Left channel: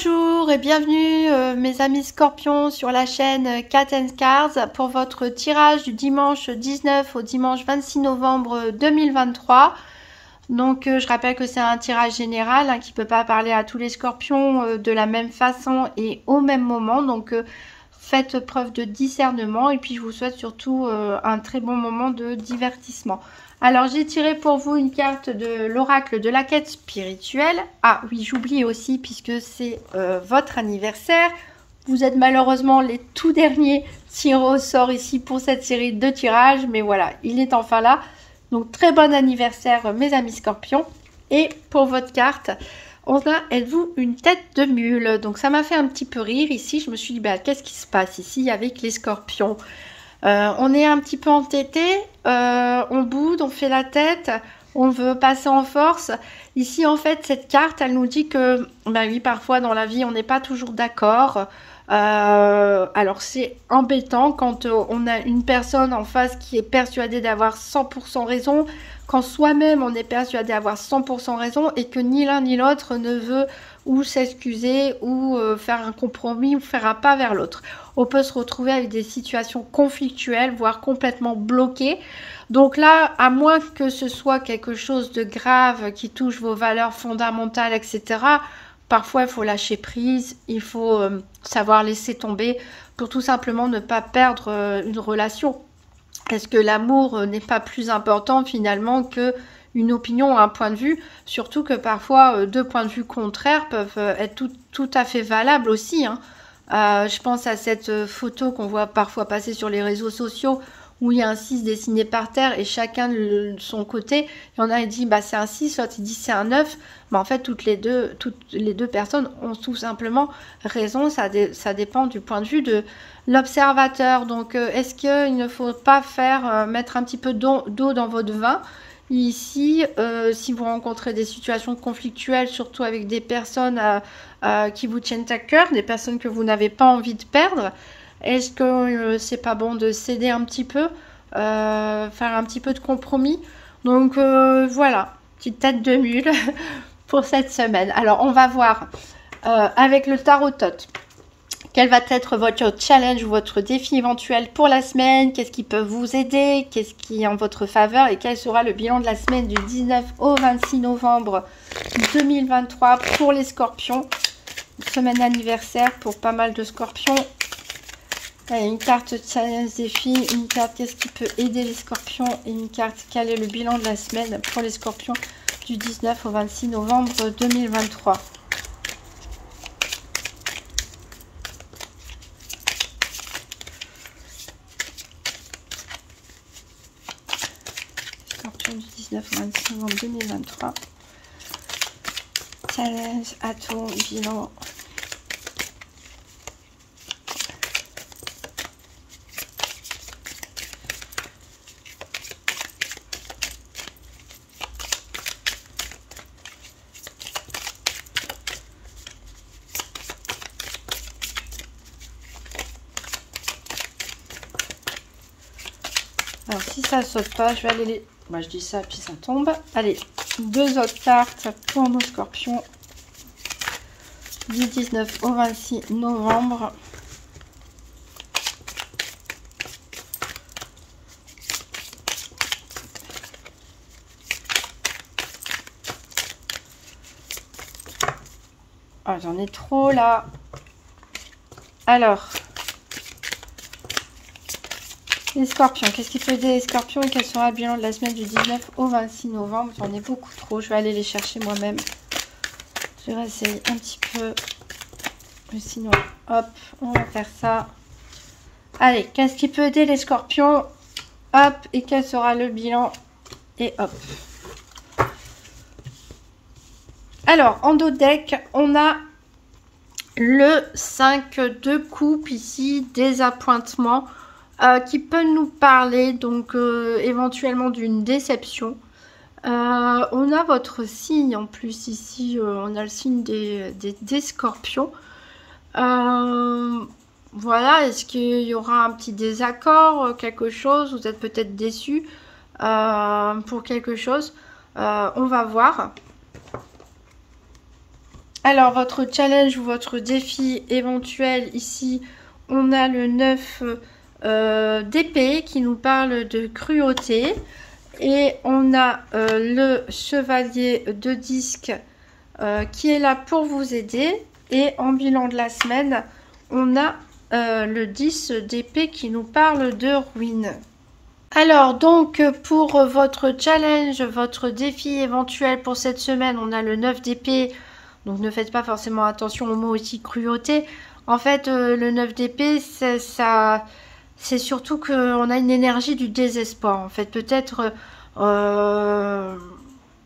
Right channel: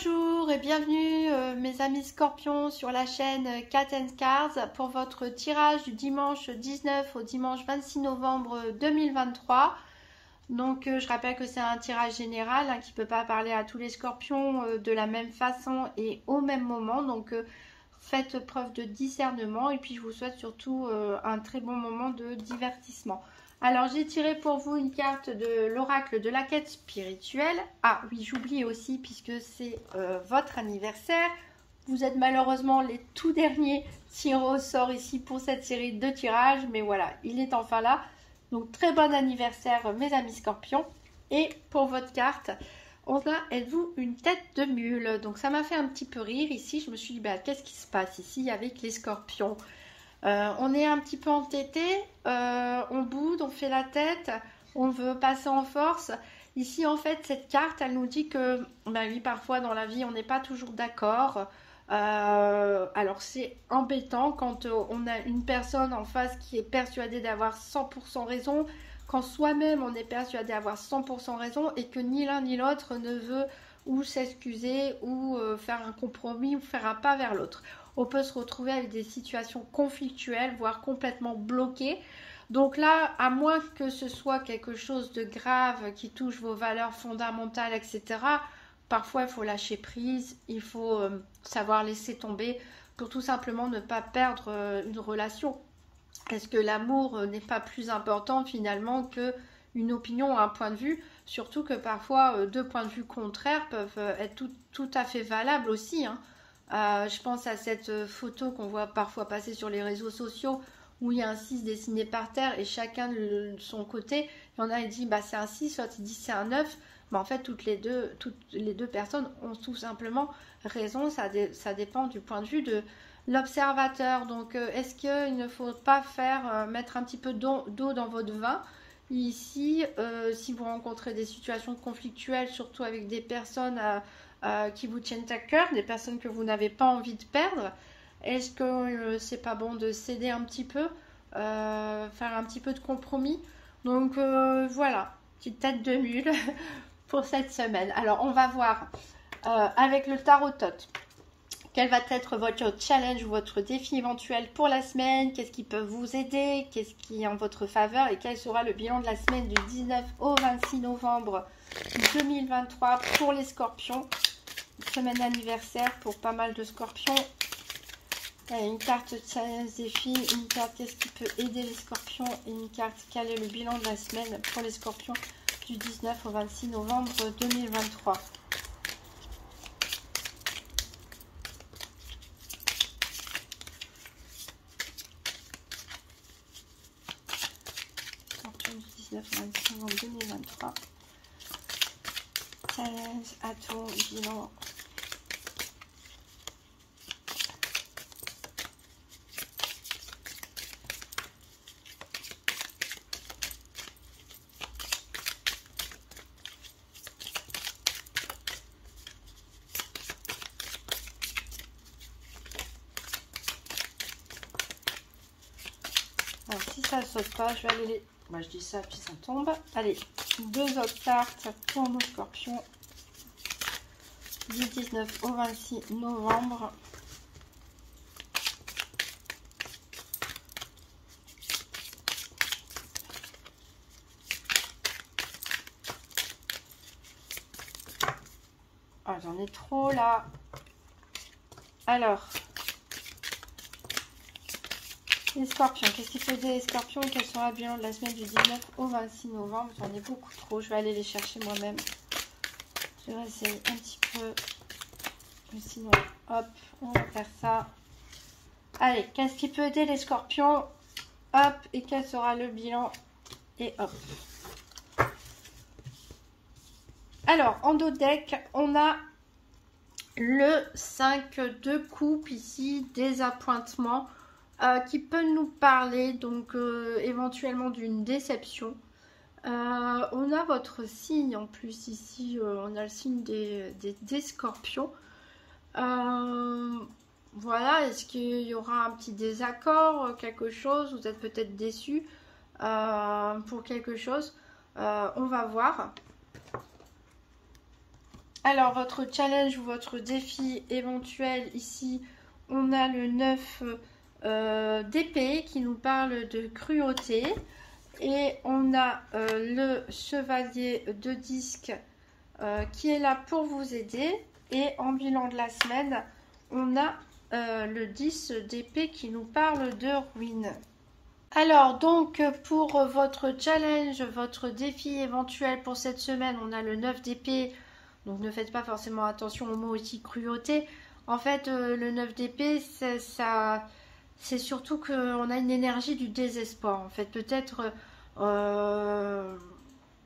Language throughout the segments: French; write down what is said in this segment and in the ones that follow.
Bonjour et bienvenue mes amis scorpions sur la chaîne Cat and Cards pour votre tirage du dimanche 19 au dimanche 26 novembre 2023. Donc je rappelle que c'est un tirage général qui ne peut pas parler à tous les scorpions de la même façon et au même moment. Donc faites preuve de discernement et puis je vous souhaite surtout un très bon moment de divertissement. Alors j'ai tiré pour vous une carte de l'oracle de la quête spirituelle. Ah oui, j'oublie aussi puisque c'est votre anniversaire. Vous êtes malheureusement les tout derniers tirés au sort ici pour cette série de tirages. Mais voilà, il est enfin là. Donc très bon anniversaire mes amis scorpions. Et pour votre carte, on a êtes-vous une tête de mule. Donc ça m'a fait un petit peu rire ici. Je me suis dit, bah, qu'est-ce qui se passe ici avec les scorpions? On est un petit peu entêté, on boude, on fait la tête, on veut passer en force. Ici, en fait, cette carte, elle nous dit que, bah oui, parfois dans la vie, on n'est pas toujours d'accord. Alors, c'est embêtant quand on a une personne en face qui est persuadée d'avoir 100% raison, quand soi-même, on est persuadé d'avoir 100% raison et que ni l'un ni l'autre ne veut ou s'excuser ou faire un compromis ou faire un pas vers l'autre. On peut se retrouver avec des situations conflictuelles, voire complètement bloquées. Donc là, à moins que ce soit quelque chose de grave qui touche vos valeurs fondamentales, etc., parfois il faut lâcher prise, il faut savoir laisser tomber pour tout simplement ne pas perdre une relation. Est-ce que l'amour n'est pas plus important finalement que une opinion ou un point de vue, surtout que parfois deux points de vue contraires peuvent être tout à fait valables aussi, hein. Je pense à cette photo qu'on voit parfois passer sur les réseaux sociaux où il y a un 6 dessiné par terre et chacun de son côté. Il y en a qui dit bah, c'est un 6, l'autre il dit c'est un 9. Mais en fait, toutes les deux personnes ont tout simplement raison. Ça dépend du point de vue de l'observateur. Donc, est-ce qu'il ne faut pas mettre un petit peu d'eau dans votre vin? Ici, si vous rencontrez des situations conflictuelles, surtout avec des personnes qui vous tiennent à cœur, des personnes que vous n'avez pas envie de perdre, est-ce que c'est pas bon de céder un petit peu, faire un petit peu de compromis? Donc voilà, petite tête de mule pour cette semaine. Alors on va voir avec le tarot tot. Quel va être votre challenge ou votre défi éventuel pour la semaine? Qu'est-ce qui peut vous aider? Qu'est-ce qui est en votre faveur? Et quel sera le bilan de la semaine du 19 au 26 novembre 2023 pour les scorpions? Semaine anniversaire pour pas mal de scorpions. Allez, une carte challenge défi, une carte qu'est-ce qui peut aider les scorpions et une carte quel est le bilan de la semaine pour les scorpions du 19 au 26 novembre 2023. Du 19 au 26 novembre 2023. Challenge, atout, bilan. Alors si ça saute pas, je vais aller les... Moi je dis ça puis ça tombe. Allez, deux autres cartes pour nos scorpions du 19 au 26 novembre. Ah, j'en ai trop là. Alors, les scorpions, qu'est-ce qui peut aider les scorpions et quel sera le bilan de la semaine du 19 au 26 novembre? J'en ai beaucoup trop, je vais aller les chercher moi-même. Je vais essayer un petit peu. Mais sinon, hop, on va faire ça. Allez, qu'est-ce qui peut aider les scorpions? Hop, et quel sera le bilan? Et hop. Alors, en dos de deck, on a le 5 de coupe ici, désappointement. Qui peut nous parler donc éventuellement d'une déception. On a votre signe en plus ici, on a le signe des scorpions. Voilà, est-ce qu'il y aura un petit désaccord, quelque chose? Vous êtes peut-être déçu pour quelque chose. On va voir. Alors, votre challenge ou votre défi éventuel, ici, on a le 9 d'épée qui nous parle de cruauté. Et on a le chevalier de disque qui est là pour vous aider. Et en bilan de la semaine, on a le 10 d'épée qui nous parle de ruine. Alors donc pour votre challenge, votre défi éventuel pour cette semaine, on a le 9 d'épée. Donc ne faites pas forcément attention au mot aussi cruauté. En fait, le 9 d'épée, c'est surtout qu'on a une énergie du désespoir. En fait, peut-être,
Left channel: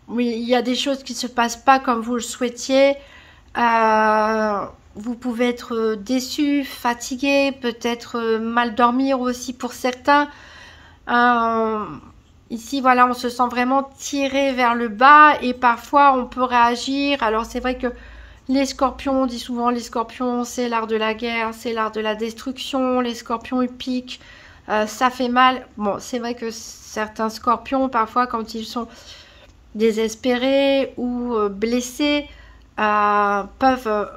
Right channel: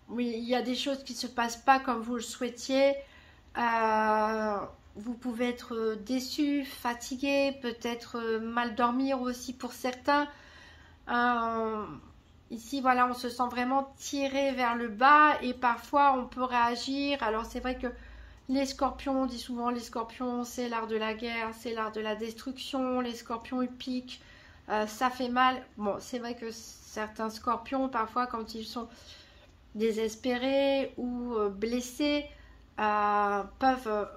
oui, il y a des choses qui ne se passent pas comme vous le souhaitiez. Vous pouvez être déçu, fatigué, peut-être mal dormir aussi pour certains. Ici, voilà, on se sent vraiment tiré vers le bas et parfois on peut réagir. Alors c'est vrai que les scorpions, on dit souvent les scorpions, c'est l'art de la guerre, c'est l'art de la destruction. Les scorpions, ils piquent, ça fait mal. Bon, c'est vrai que certains scorpions, parfois, quand ils sont désespérés ou blessés, peuvent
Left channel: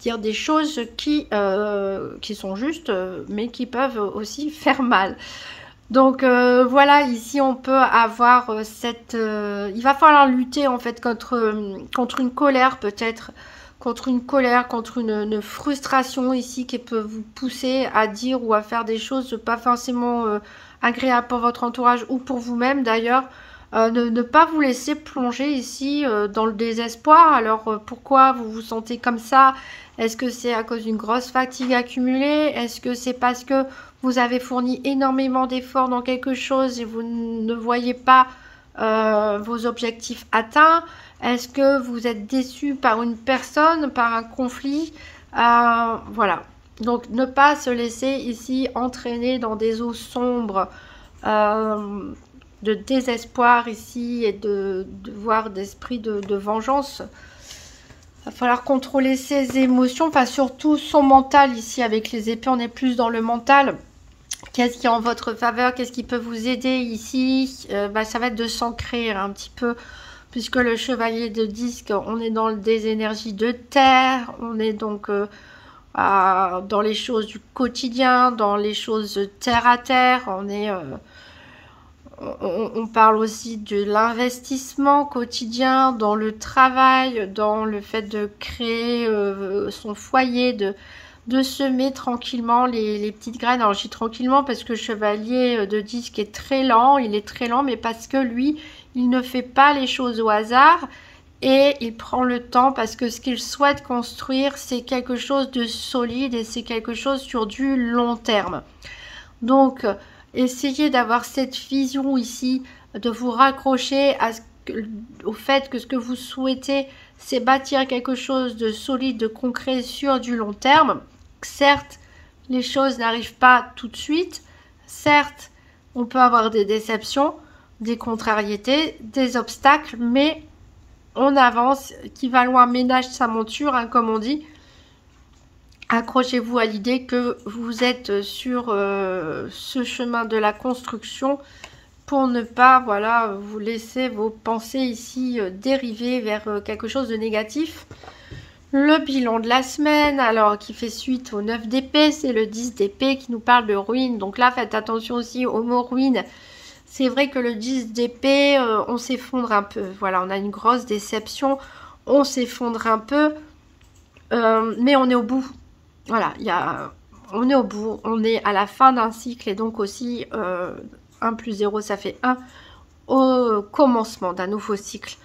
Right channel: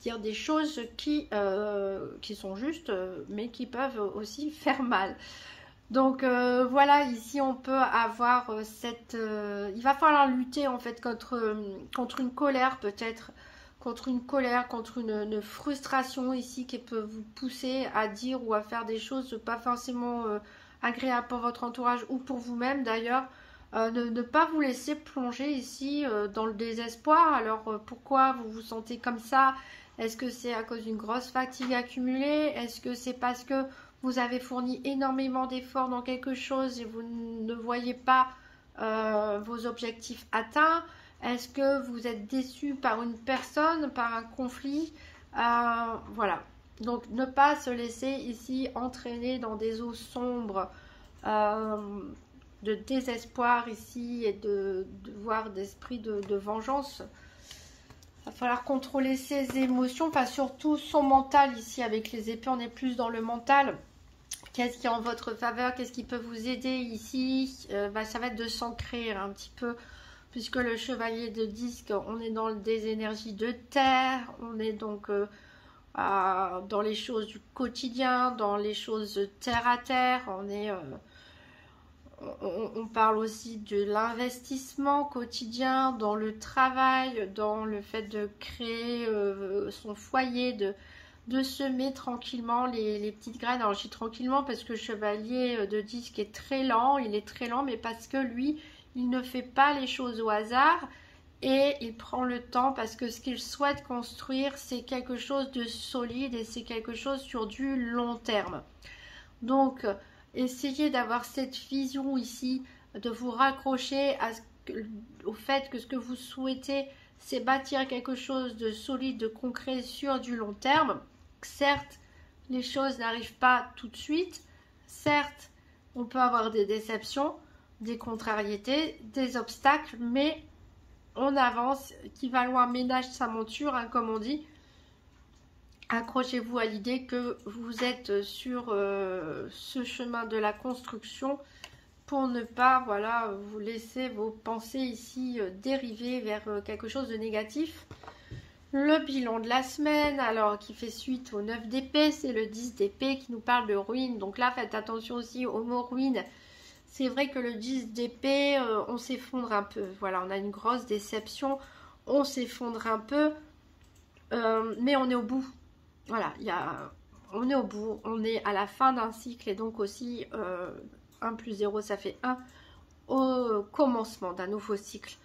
dire des choses qui sont justes, mais qui peuvent aussi faire mal. Donc voilà, ici on peut avoir il va falloir lutter en fait contre une colère peut-être, contre une frustration ici qui peut vous pousser à dire ou à faire des choses pas forcément agréables pour votre entourage ou pour vous-même d'ailleurs. Ne pas vous laisser plonger ici dans le désespoir. Alors pourquoi vous vous sentez comme ça? Est-ce que c'est à cause d'une grosse fatigue accumulée? Est-ce que c'est parce que vous avez fourni énormément d'efforts dans quelque chose et vous ne voyez pas vos objectifs atteints? Est-ce que vous êtes déçu par une personne, par un conflit? Voilà. Donc ne pas se laisser ici entraîner dans des eaux sombres de désespoir ici et de voir d'esprit de vengeance. Il va falloir contrôler ses émotions, enfin surtout son mental ici avec les épées, on est plus dans le mental. Qu'est-ce qui est en votre faveur? Qu'est-ce qui peut vous aider ici? Ça va être de s'ancrer un petit peu, puisque le chevalier de disque, on est dans des énergies de terre, on est donc dans les choses du quotidien, dans les choses terre à terre, on parle aussi de l'investissement quotidien, dans le travail, dans le fait de créer son foyer, de semer tranquillement les petites graines. Alors je dis tranquillement parce que le chevalier de disque est très lent, il est très lent, mais parce que lui, il ne fait pas les choses au hasard et il prend le temps parce que ce qu'il souhaite construire, c'est quelque chose de solide et c'est quelque chose sur du long terme. Donc, essayez d'avoir cette vision ici, de vous raccrocher au fait que ce que vous souhaitez, c'est bâtir quelque chose de solide, de concret sur du long terme. Certes, les choses n'arrivent pas tout de suite. Certes, on peut avoir des déceptions, des contrariétés, des obstacles, mais on avance. Qui va loin ménage sa monture, hein, comme on dit. Accrochez-vous à l'idée que vous êtes sur ce chemin de la construction pour ne pas vous laisser vos pensées ici dériver vers quelque chose de négatif. Le bilan de la semaine, alors qui fait suite au 9 d'épée, c'est le 10 d'épée qui nous parle de ruine. Donc là, faites attention aussi au mot ruine. C'est vrai que le 10 d'épée, on s'effondre un peu. Voilà, on a une grosse déception, on s'effondre un peu, mais on est au bout. Voilà, on est au bout, on est à la fin d'un cycle et donc aussi 1 plus 0 ça fait 1 au commencement d'un nouveau cycle.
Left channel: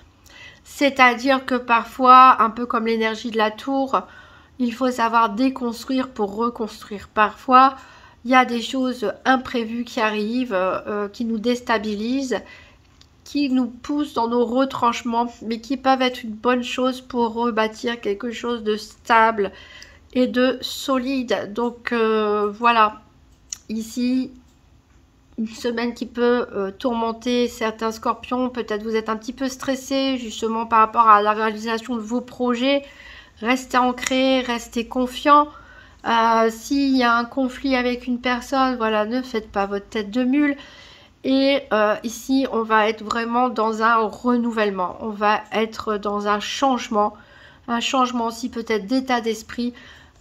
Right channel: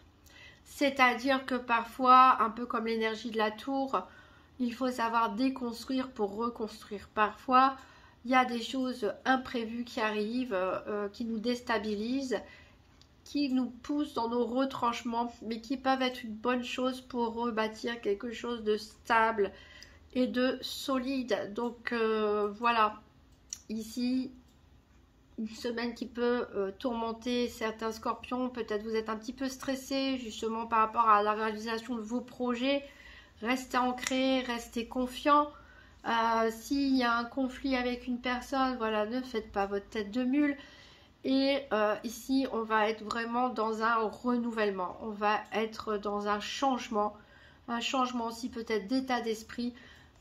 C'est-à-dire que parfois, un peu comme l'énergie de la tour, il faut savoir déconstruire pour reconstruire. Parfois, il y a des choses imprévues qui arrivent, qui nous déstabilisent, qui nous poussent dans nos retranchements, mais qui peuvent être une bonne chose pour rebâtir quelque chose de stable et de solide. Donc voilà, ici une semaine qui peut tourmenter certains scorpions. Peut-être vous êtes un petit peu stressé justement par rapport à la réalisation de vos projets. Restez ancré, restez confiant. S'il y a un conflit avec une personne, voilà, ne faites pas votre tête de mule. Et ici on va être vraiment dans un renouvellement, on va être dans un changement. un changement aussi peut-être d'état d'esprit,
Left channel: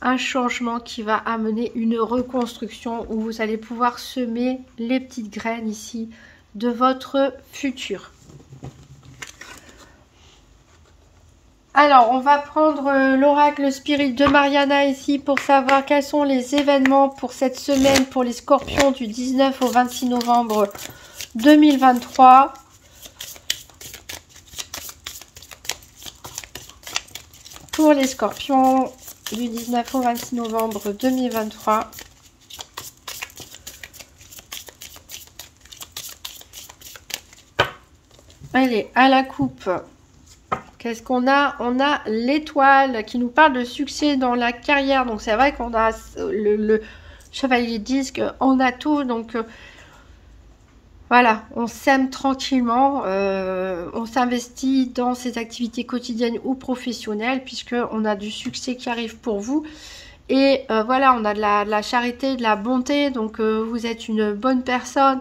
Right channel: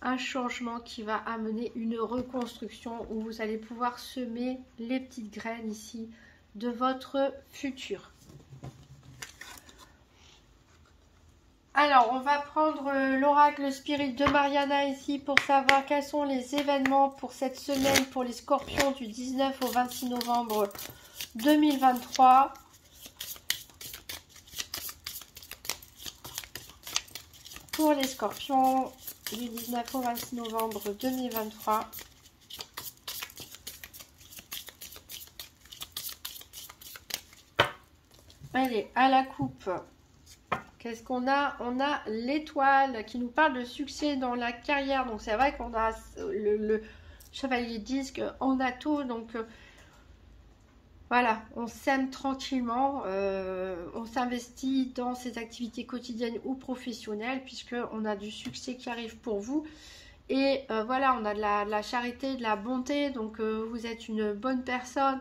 un changement qui va amener une reconstruction où vous allez pouvoir semer les petites graines ici de votre futur. Alors, on va prendre l'oracle spirit de Mariana ici pour savoir quels sont les événements pour cette semaine pour les scorpions du 19 au 26 novembre 2023. Pour les scorpions du 19 au 26 novembre 2023. Allez, à la coupe. Qu'est-ce qu'on a? On a l'étoile qui nous parle de succès dans la carrière. Donc c'est vrai qu'on a le chevalier disque, on a tout. Donc voilà, on s'aime tranquillement. On s'investit dans ses activités quotidiennes ou professionnelles puisqu'on a du succès qui arrive pour vous. Et voilà, on a de la charité, de la bonté. Donc vous êtes une bonne personne.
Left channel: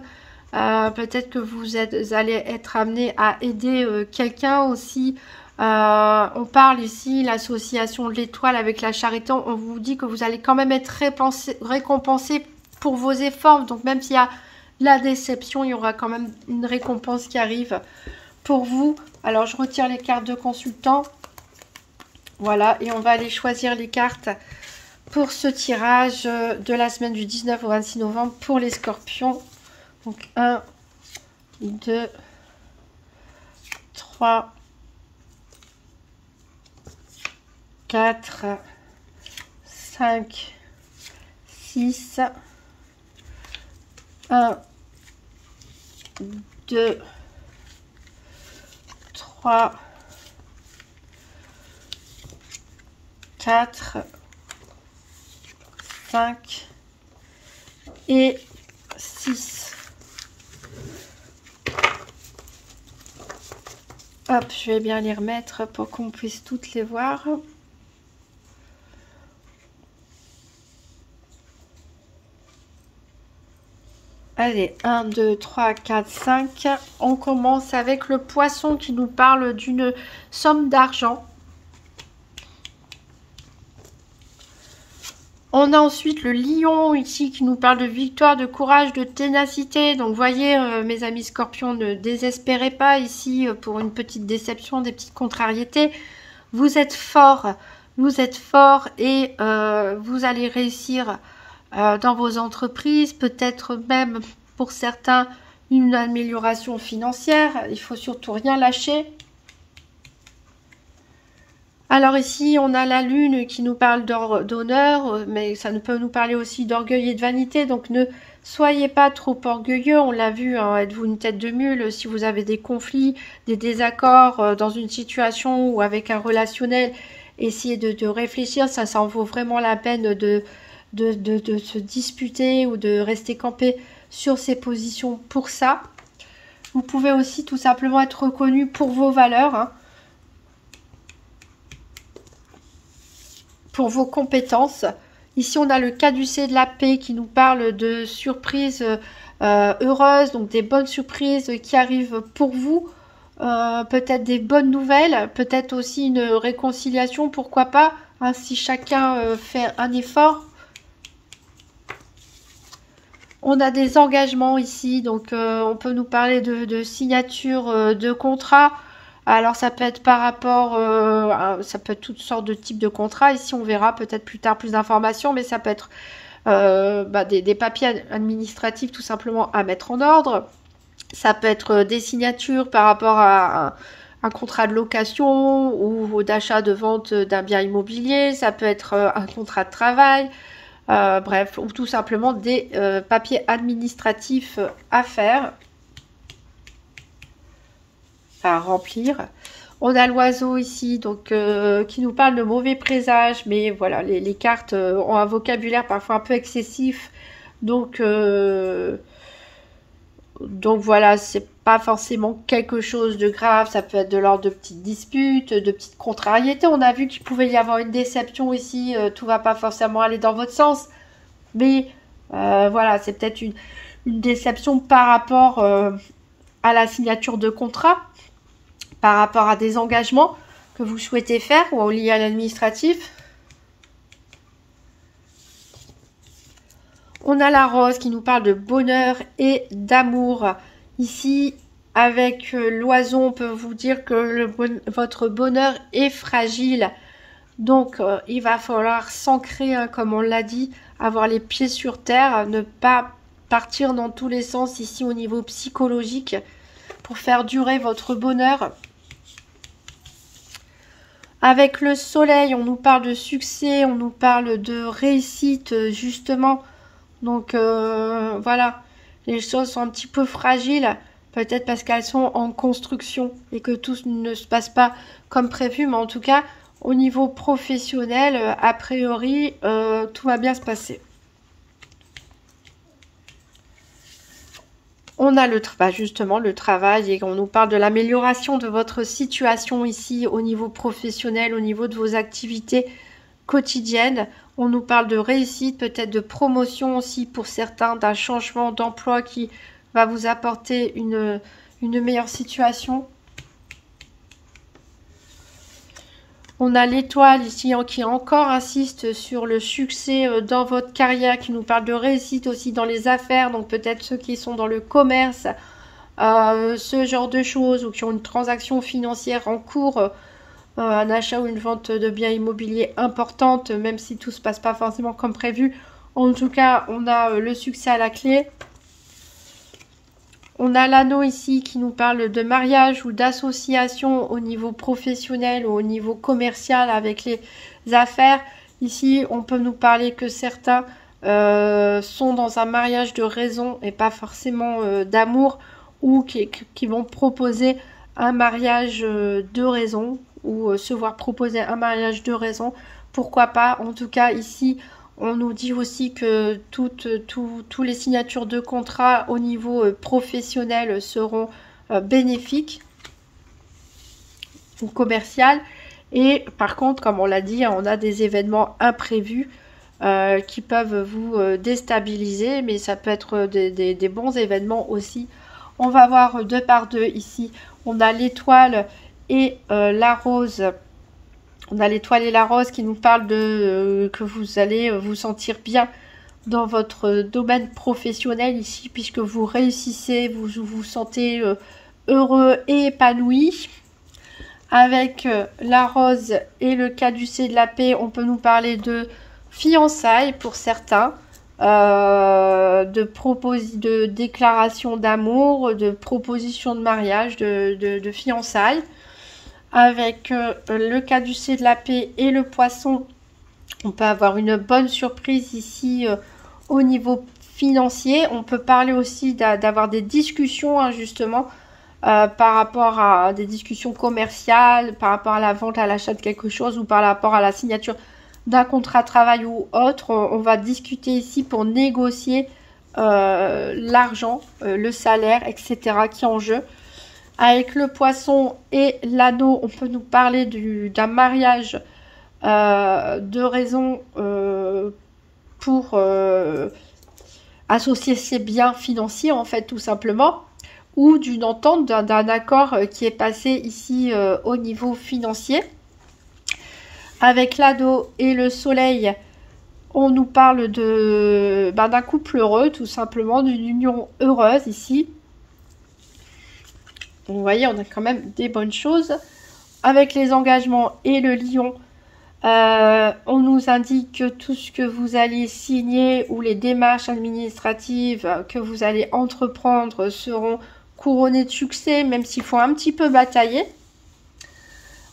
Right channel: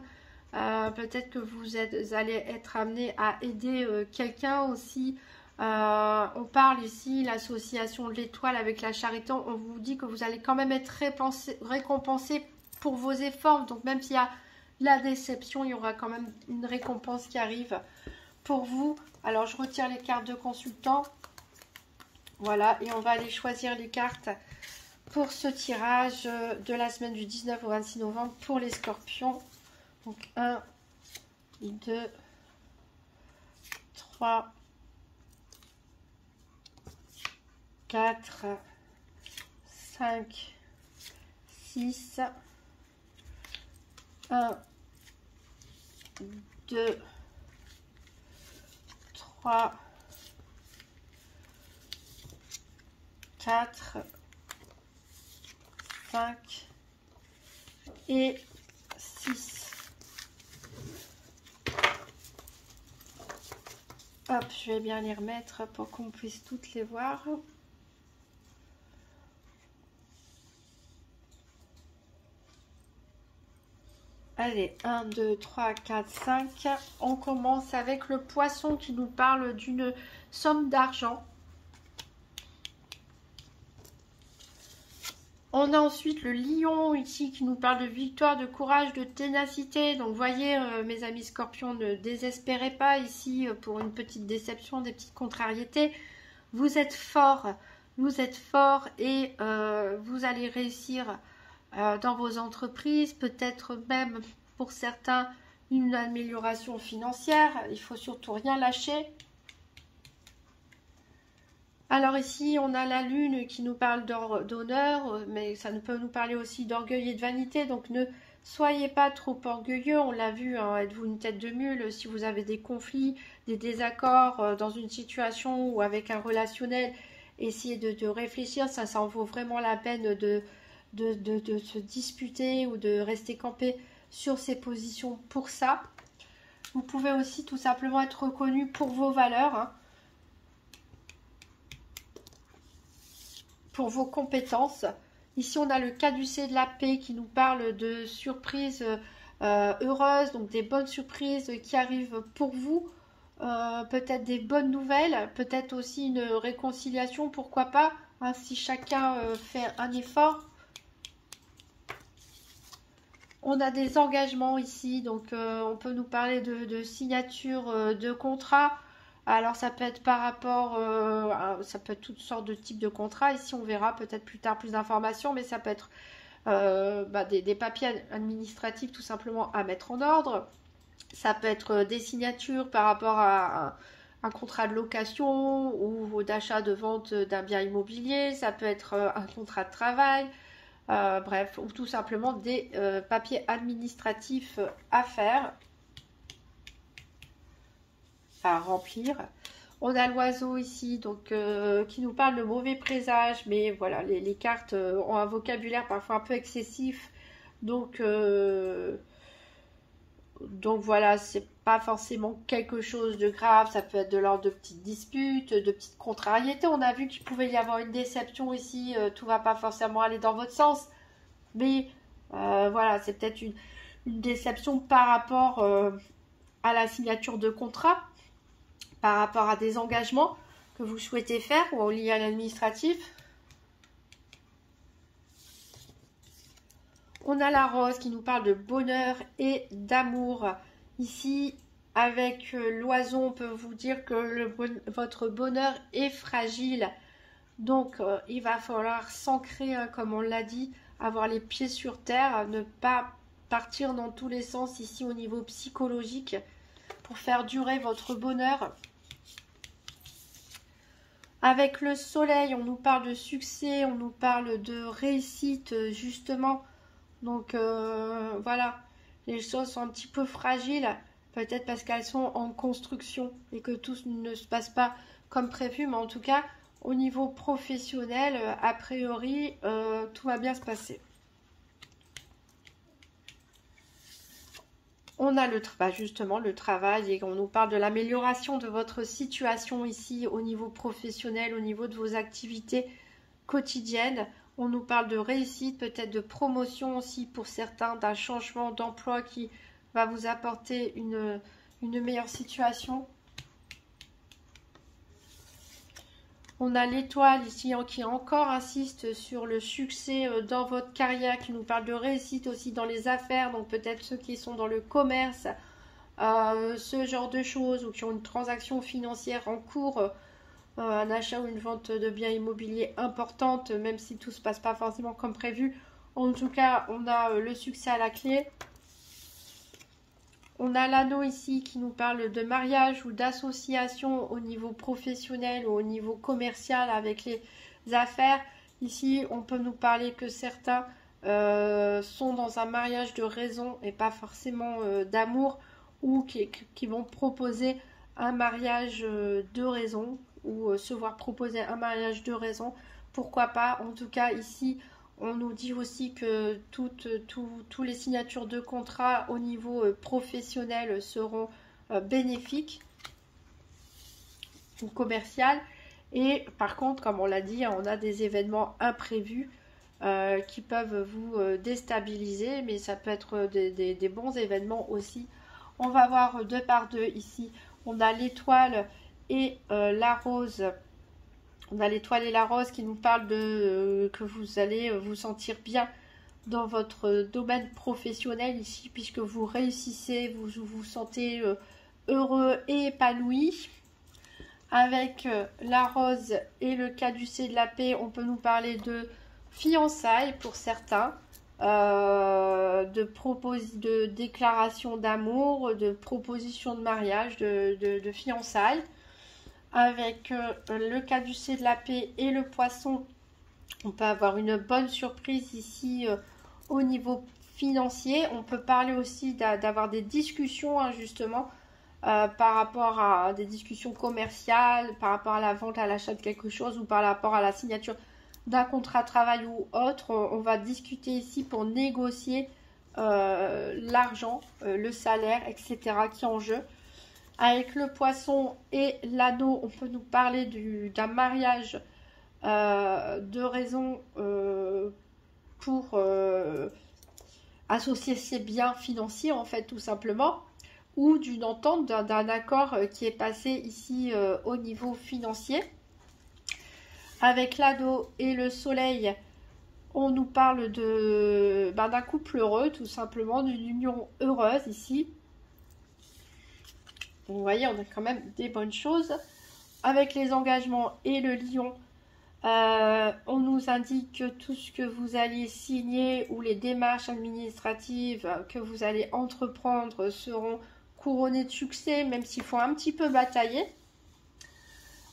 Peut-être que vous allez être amené à aider quelqu'un aussi. On parle ici, l'association de l'étoile avec la charité, on vous dit que vous allez quand même être récompensé pour vos efforts. Donc même s'il y a la déception, il y aura quand même une récompense qui arrive pour vous. Alors je retire les cartes de consultant. Voilà, et on va aller choisir les cartes pour ce tirage de la semaine du 19 au 26 novembre pour les scorpions. Donc 1, 2, 3, 4, 5, 6, 1, 2, 3, 4, 5 et 6. Hop, je vais bien les remettre pour qu'on puisse toutes les voir. Allez, 1, 2, 3, 4, 5. On commence avec le poisson qui nous parle d'une somme d'argent. On a ensuite le lion ici qui nous parle de victoire, de courage, de ténacité. Donc, voyez, mes amis scorpions, ne désespérez pas ici pour une petite déception, des petites contrariétés. Vous êtes fort et vous allez réussir dans vos entreprises. Peut-être même pour certains une amélioration financière. Il faut surtout rien lâcher. Alors ici, on a la lune qui nous parle d'honneur, mais ça peut nous parler aussi d'orgueil et de vanité. Donc ne soyez pas trop orgueilleux, on l'a vu, hein, êtes-vous une tête de mule si vous avez des conflits, des désaccords dans une situation ou avec un relationnel. Essayez de réfléchir, ça en vaut vraiment la peine de se disputer ou de rester campé sur ses positions pour ça. Vous pouvez aussi tout simplement être reconnu pour vos valeurs, hein. Pour vos compétences. Ici, on a le caducée de la paix qui nous parle de surprises heureuses, donc des bonnes surprises qui arrivent pour vous. Peut-être des bonnes nouvelles, peut-être aussi une réconciliation, pourquoi pas, hein, si chacun fait un effort. On a des engagements ici, donc on peut nous parler de signature de contrat. Alors ça peut être par rapport, ça peut être toutes sortes de types de contrats. Ici on verra peut-être plus tard plus d'informations, mais ça peut être des papiers administratifs tout simplement à mettre en ordre. Ça peut être des signatures par rapport à un contrat de location ou d'achat de vente d'un bien immobilier. Ça peut être un contrat de travail. Bref, ou tout simplement des papiers administratifs à faire. À remplir. On a l'oiseau ici, donc qui nous parle de mauvais présages, mais voilà, les cartes ont un vocabulaire parfois un peu excessif, donc voilà, c'est pas forcément quelque chose de grave, ça peut être de l'ordre de petites disputes, de petites contrariétés. On a vu qu'il pouvait y avoir une déception ici, tout va pas forcément aller dans votre sens, mais voilà, c'est peut-être une déception par rapport à la signature de contrat, par rapport à des engagements que vous souhaitez faire ou lié à l'administratif. On a la rose qui nous parle de bonheur et d'amour. Ici, avec l'oiseau, on peut vous dire que votre bonheur est fragile. Donc, il va falloir s'ancrer, hein, comme on l'a dit, avoir les pieds sur terre, ne pas partir dans tous les sens ici au niveau psychologique pour faire durer votre bonheur. Avec le soleil, on nous parle de succès, on nous parle de réussite, justement. Donc, voilà, les choses sont un petit peu fragiles, peut-être parce qu'elles sont en construction et que tout ne se passe pas comme prévu, mais en tout cas, au niveau professionnel, a priori, tout va bien se passer. On a justement le travail et on nous parle de l'amélioration de votre situation ici au niveau professionnel, au niveau de vos activités quotidiennes. On nous parle de réussite, peut-être de promotion aussi pour certains, d'un changement d'emploi qui va vous apporter une meilleure situation. On a l'étoile ici qui encore insiste sur le succès dans votre carrière, qui nous parle de réussite aussi dans les affaires, donc peut-être ceux qui sont dans le commerce, ce genre de choses, ou qui ont une transaction financière en cours, un achat ou une vente de biens immobiliers importante, même si tout ne se passe pas forcément comme prévu. En tout cas, on a le succès à la clé. On a l'anneau ici qui nous parle de mariage ou d'association au niveau professionnel ou au niveau commercial avec les affaires. Ici, on peut nous parler que certains sont dans un mariage de raison et pas forcément d'amour, ou qui vont proposer un mariage de raison, ou se voir proposer un mariage de raison. Pourquoi pas? En tout cas, ici, on nous dit aussi que toutes les signatures de contrat au niveau professionnel seront bénéfiques ou commerciales. Et par contre, comme on l'a dit, on a des événements imprévus qui peuvent vous déstabiliser, mais ça peut être des bons événements aussi. On va voir deux par deux ici. On a l'étoile et la rose. On a l'étoile et la rose qui nous parlent de que vous allez vous sentir bien dans votre domaine professionnel ici, puisque vous réussissez, vous vous sentez heureux et épanoui. Avec la rose et le caducée de la paix, on peut nous parler de fiançailles pour certains, de déclaration d'amour, de proposition de mariage, de fiançailles. Avec le caducée de la paix et le poisson, on peut avoir une bonne surprise ici au niveau financier. On peut parler aussi d'avoir des discussions, hein, justement, par rapport à des discussions commerciales, par rapport à la vente, à l'achat de quelque chose, ou par rapport à la signature d'un contrat de travail ou autre. On va discuter ici pour négocier l'argent, le salaire, etc. qui est en jeu. Avec le poisson et l'anneau, on peut nous parler d'un mariage de raison pour associer ses biens financiers, en fait, tout simplement, ou d'une entente, d'un accord qui est passé ici au niveau financier. Avec l'anneau et le soleil, on nous parle d'un couple heureux, tout simplement, d'une union heureuse ici. Vous voyez, on a quand même des bonnes choses. Avec les engagements et le lion, on nous indique que tout ce que vous allez signer ou les démarches administratives que vous allez entreprendre seront couronnées de succès, même s'il faut un petit peu batailler.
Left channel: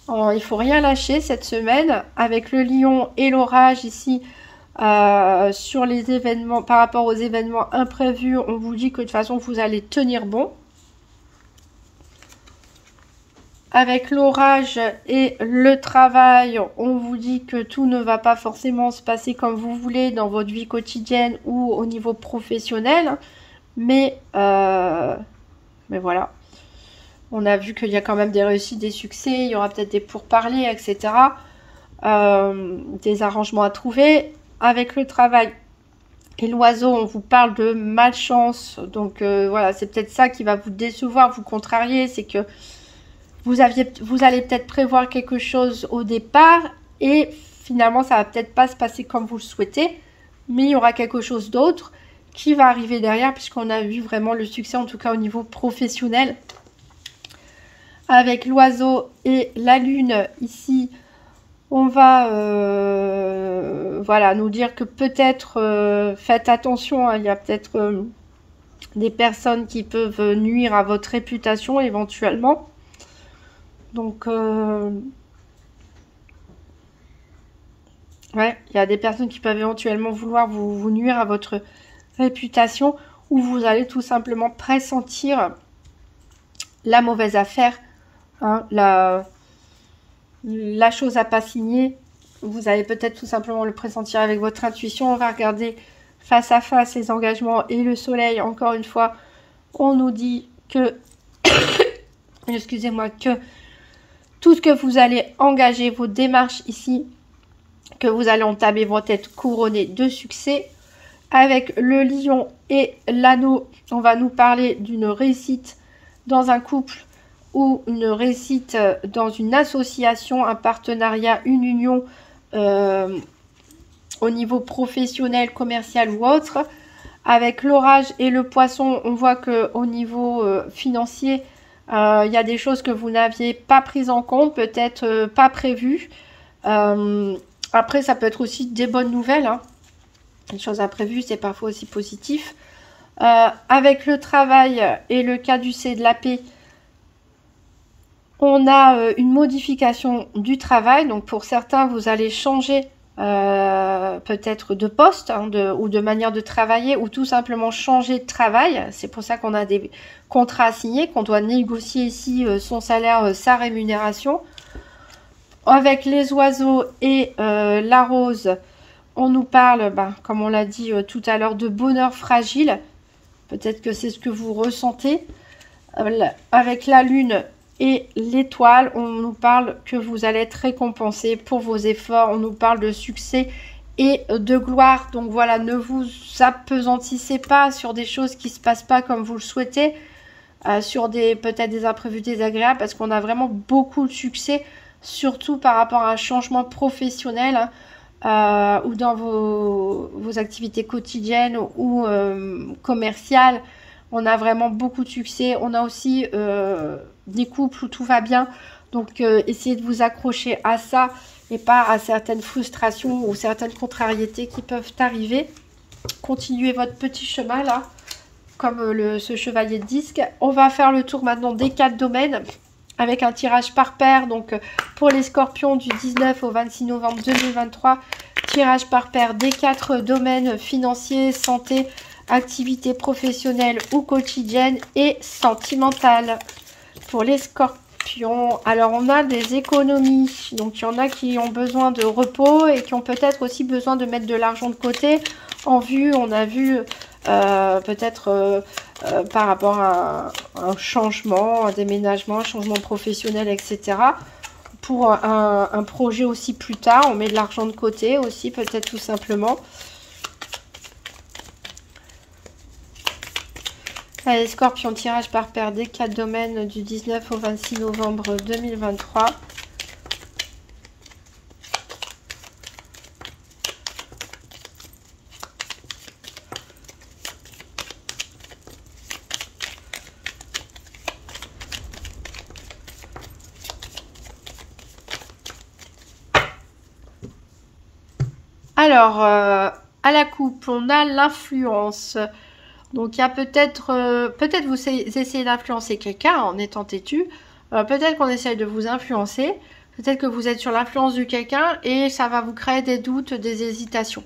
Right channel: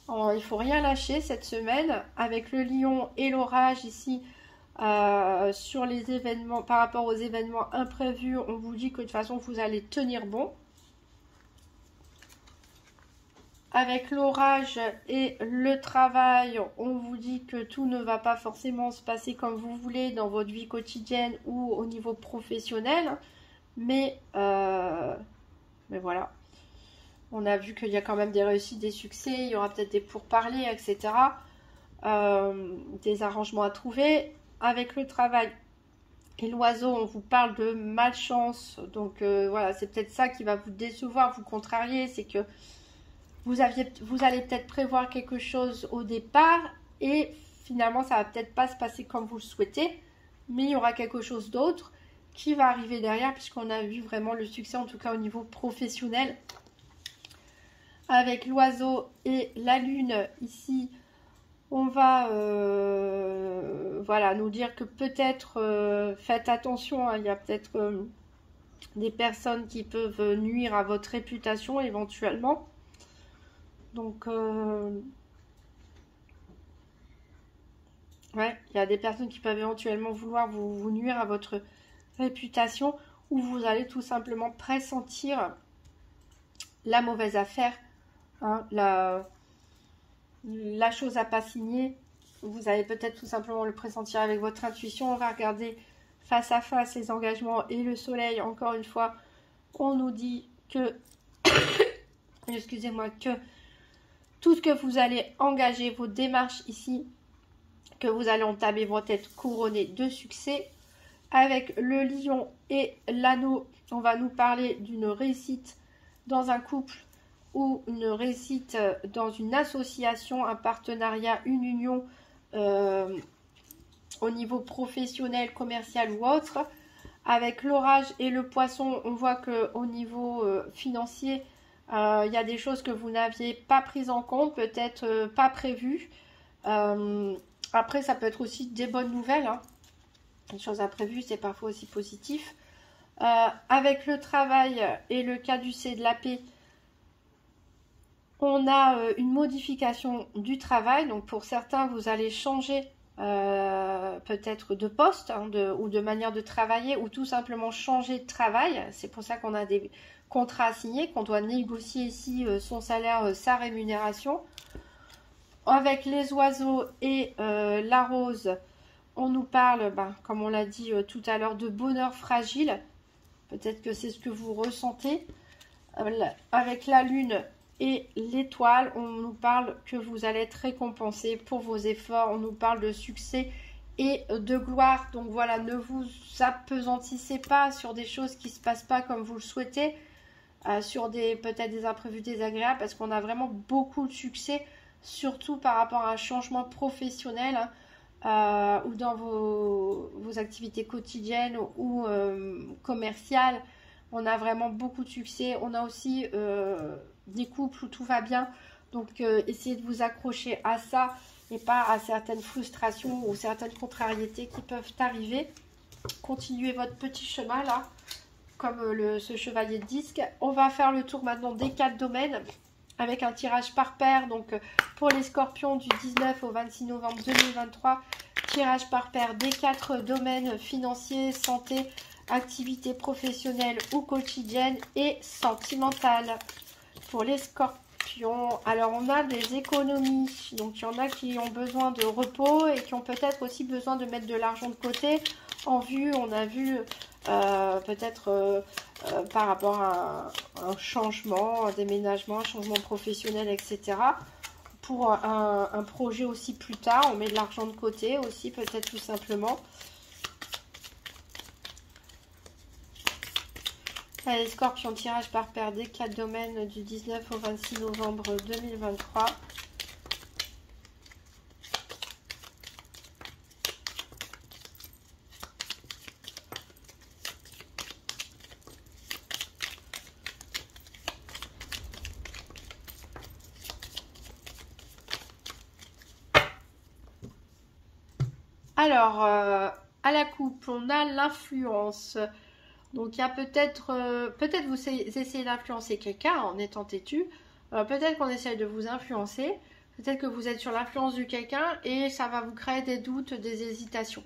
Il ne faut rien lâcher cette semaine. Avec le lion et l'orage ici, sur les événements, par rapport aux événements imprévus, on vous dit que de toute façon vous allez tenir bon. Avec l'orage et le travail, on vous dit que tout ne va pas forcément se passer comme vous voulez dans votre vie quotidienne ou au niveau professionnel. Mais voilà. On a vu qu'il y a quand même des réussites, des succès. Il y aura peut-être des pourparlers, etc. Des arrangements à trouver. Avec le travail et l'oiseau, on vous parle de malchance. Donc voilà, c'est peut-être ça qui va vous décevoir, vous contrarier. C'est que vous allez peut-être prévoir quelque chose au départ et finalement ça va peut-être pas se passer comme vous le souhaitez, mais il y aura quelque chose d'autre qui va arriver derrière puisqu'on a vu vraiment le succès, en tout cas au niveau professionnel. Avec l'oiseau et la lune ici, on va voilà, nous dire que peut-être faites attention, hein, il y a peut-être des personnes qui peuvent nuire à votre réputation éventuellement. Donc ouais, il y a des personnes qui peuvent éventuellement vouloir vous nuire à votre réputation, ou vous allez tout simplement pressentir la mauvaise affaire, hein, la chose à pas signer. Vous allez peut-être tout simplement le pressentir avec votre intuition. On va regarder face à face les engagements et le soleil. Encore une fois, on nous dit que excusez-moi, que tout ce que vous allez engager, vos démarches ici, que vous allez entamer, vont être couronnées de succès. Avec le lion et l'anneau, on va nous parler d'une réussite dans un couple ou une réussite dans une association, un partenariat, une union au niveau professionnel, commercial ou autre. Avec l'orage et le poisson, on voit qu'au niveau financier, il y a des choses que vous n'aviez pas prises en compte, peut-être pas prévues. Après, ça peut être aussi des bonnes nouvelles, hein. Une chose imprévue, c'est parfois aussi positif. Avec le travail et le caducée de la paix, on a une modification du travail. Donc pour certains, vous allez changer peut-être de poste, hein, ou de manière de travailler, ou tout simplement changer de travail. C'est pour ça qu'on a des contrats à signer, qu'on doit négocier ici son salaire, sa rémunération. Avec les oiseaux et la rose, on nous parle, comme on l'a dit tout à l'heure, de bonheur fragile. Peut-être que c'est ce que vous ressentez. Avec la lune et l'étoile, on nous parle que vous allez être récompensé pour vos efforts. On nous parle de succès et de gloire. Donc voilà, ne vous appesantissez pas sur des choses qui ne se passent pas comme vous le souhaitez. Sur peut-être des imprévus désagréables, parce qu'on a vraiment beaucoup de succès, surtout par rapport à un changement professionnel, hein. Ou dans vos activités quotidiennes ou commerciales, on a vraiment beaucoup de succès. On a aussi des couples où tout va bien, donc essayez de vous accrocher à ça et pas à certaines frustrations ou certaines contrariétés qui peuvent arriver. Continuez votre petit chemin là, comme ce chevalier de disque. On va faire le tour maintenant des 4 domaines, avec un tirage par paire, donc pour les scorpions du 19 au 26 novembre 2023, tirage par paire des 4 domaines financiers, santé, activité professionnelle ou quotidienne et sentimentale. Pour les scorpions, alors on a des économies, donc il y en a qui ont besoin de repos et qui ont peut-être aussi besoin de mettre de l'argent de côté en vue, on a vu peut-être par rapport à un changement, un déménagement, un changement professionnel, etc. Pour un projet aussi plus tard, on met de l'argent de côté aussi, peut-être tout simplement. Allez, Scorpion, tirage par paire des 4 domaines du 19 au 26 novembre 2023. Alors, à la coupe, on a l'influence. Donc, il y a peut-être vous essayez d'influencer quelqu'un en étant têtu. Peut-être qu'on essaye de vous influencer. Peut-être que vous êtes sur l'influence de quelqu'un et ça va vous créer des doutes, des hésitations.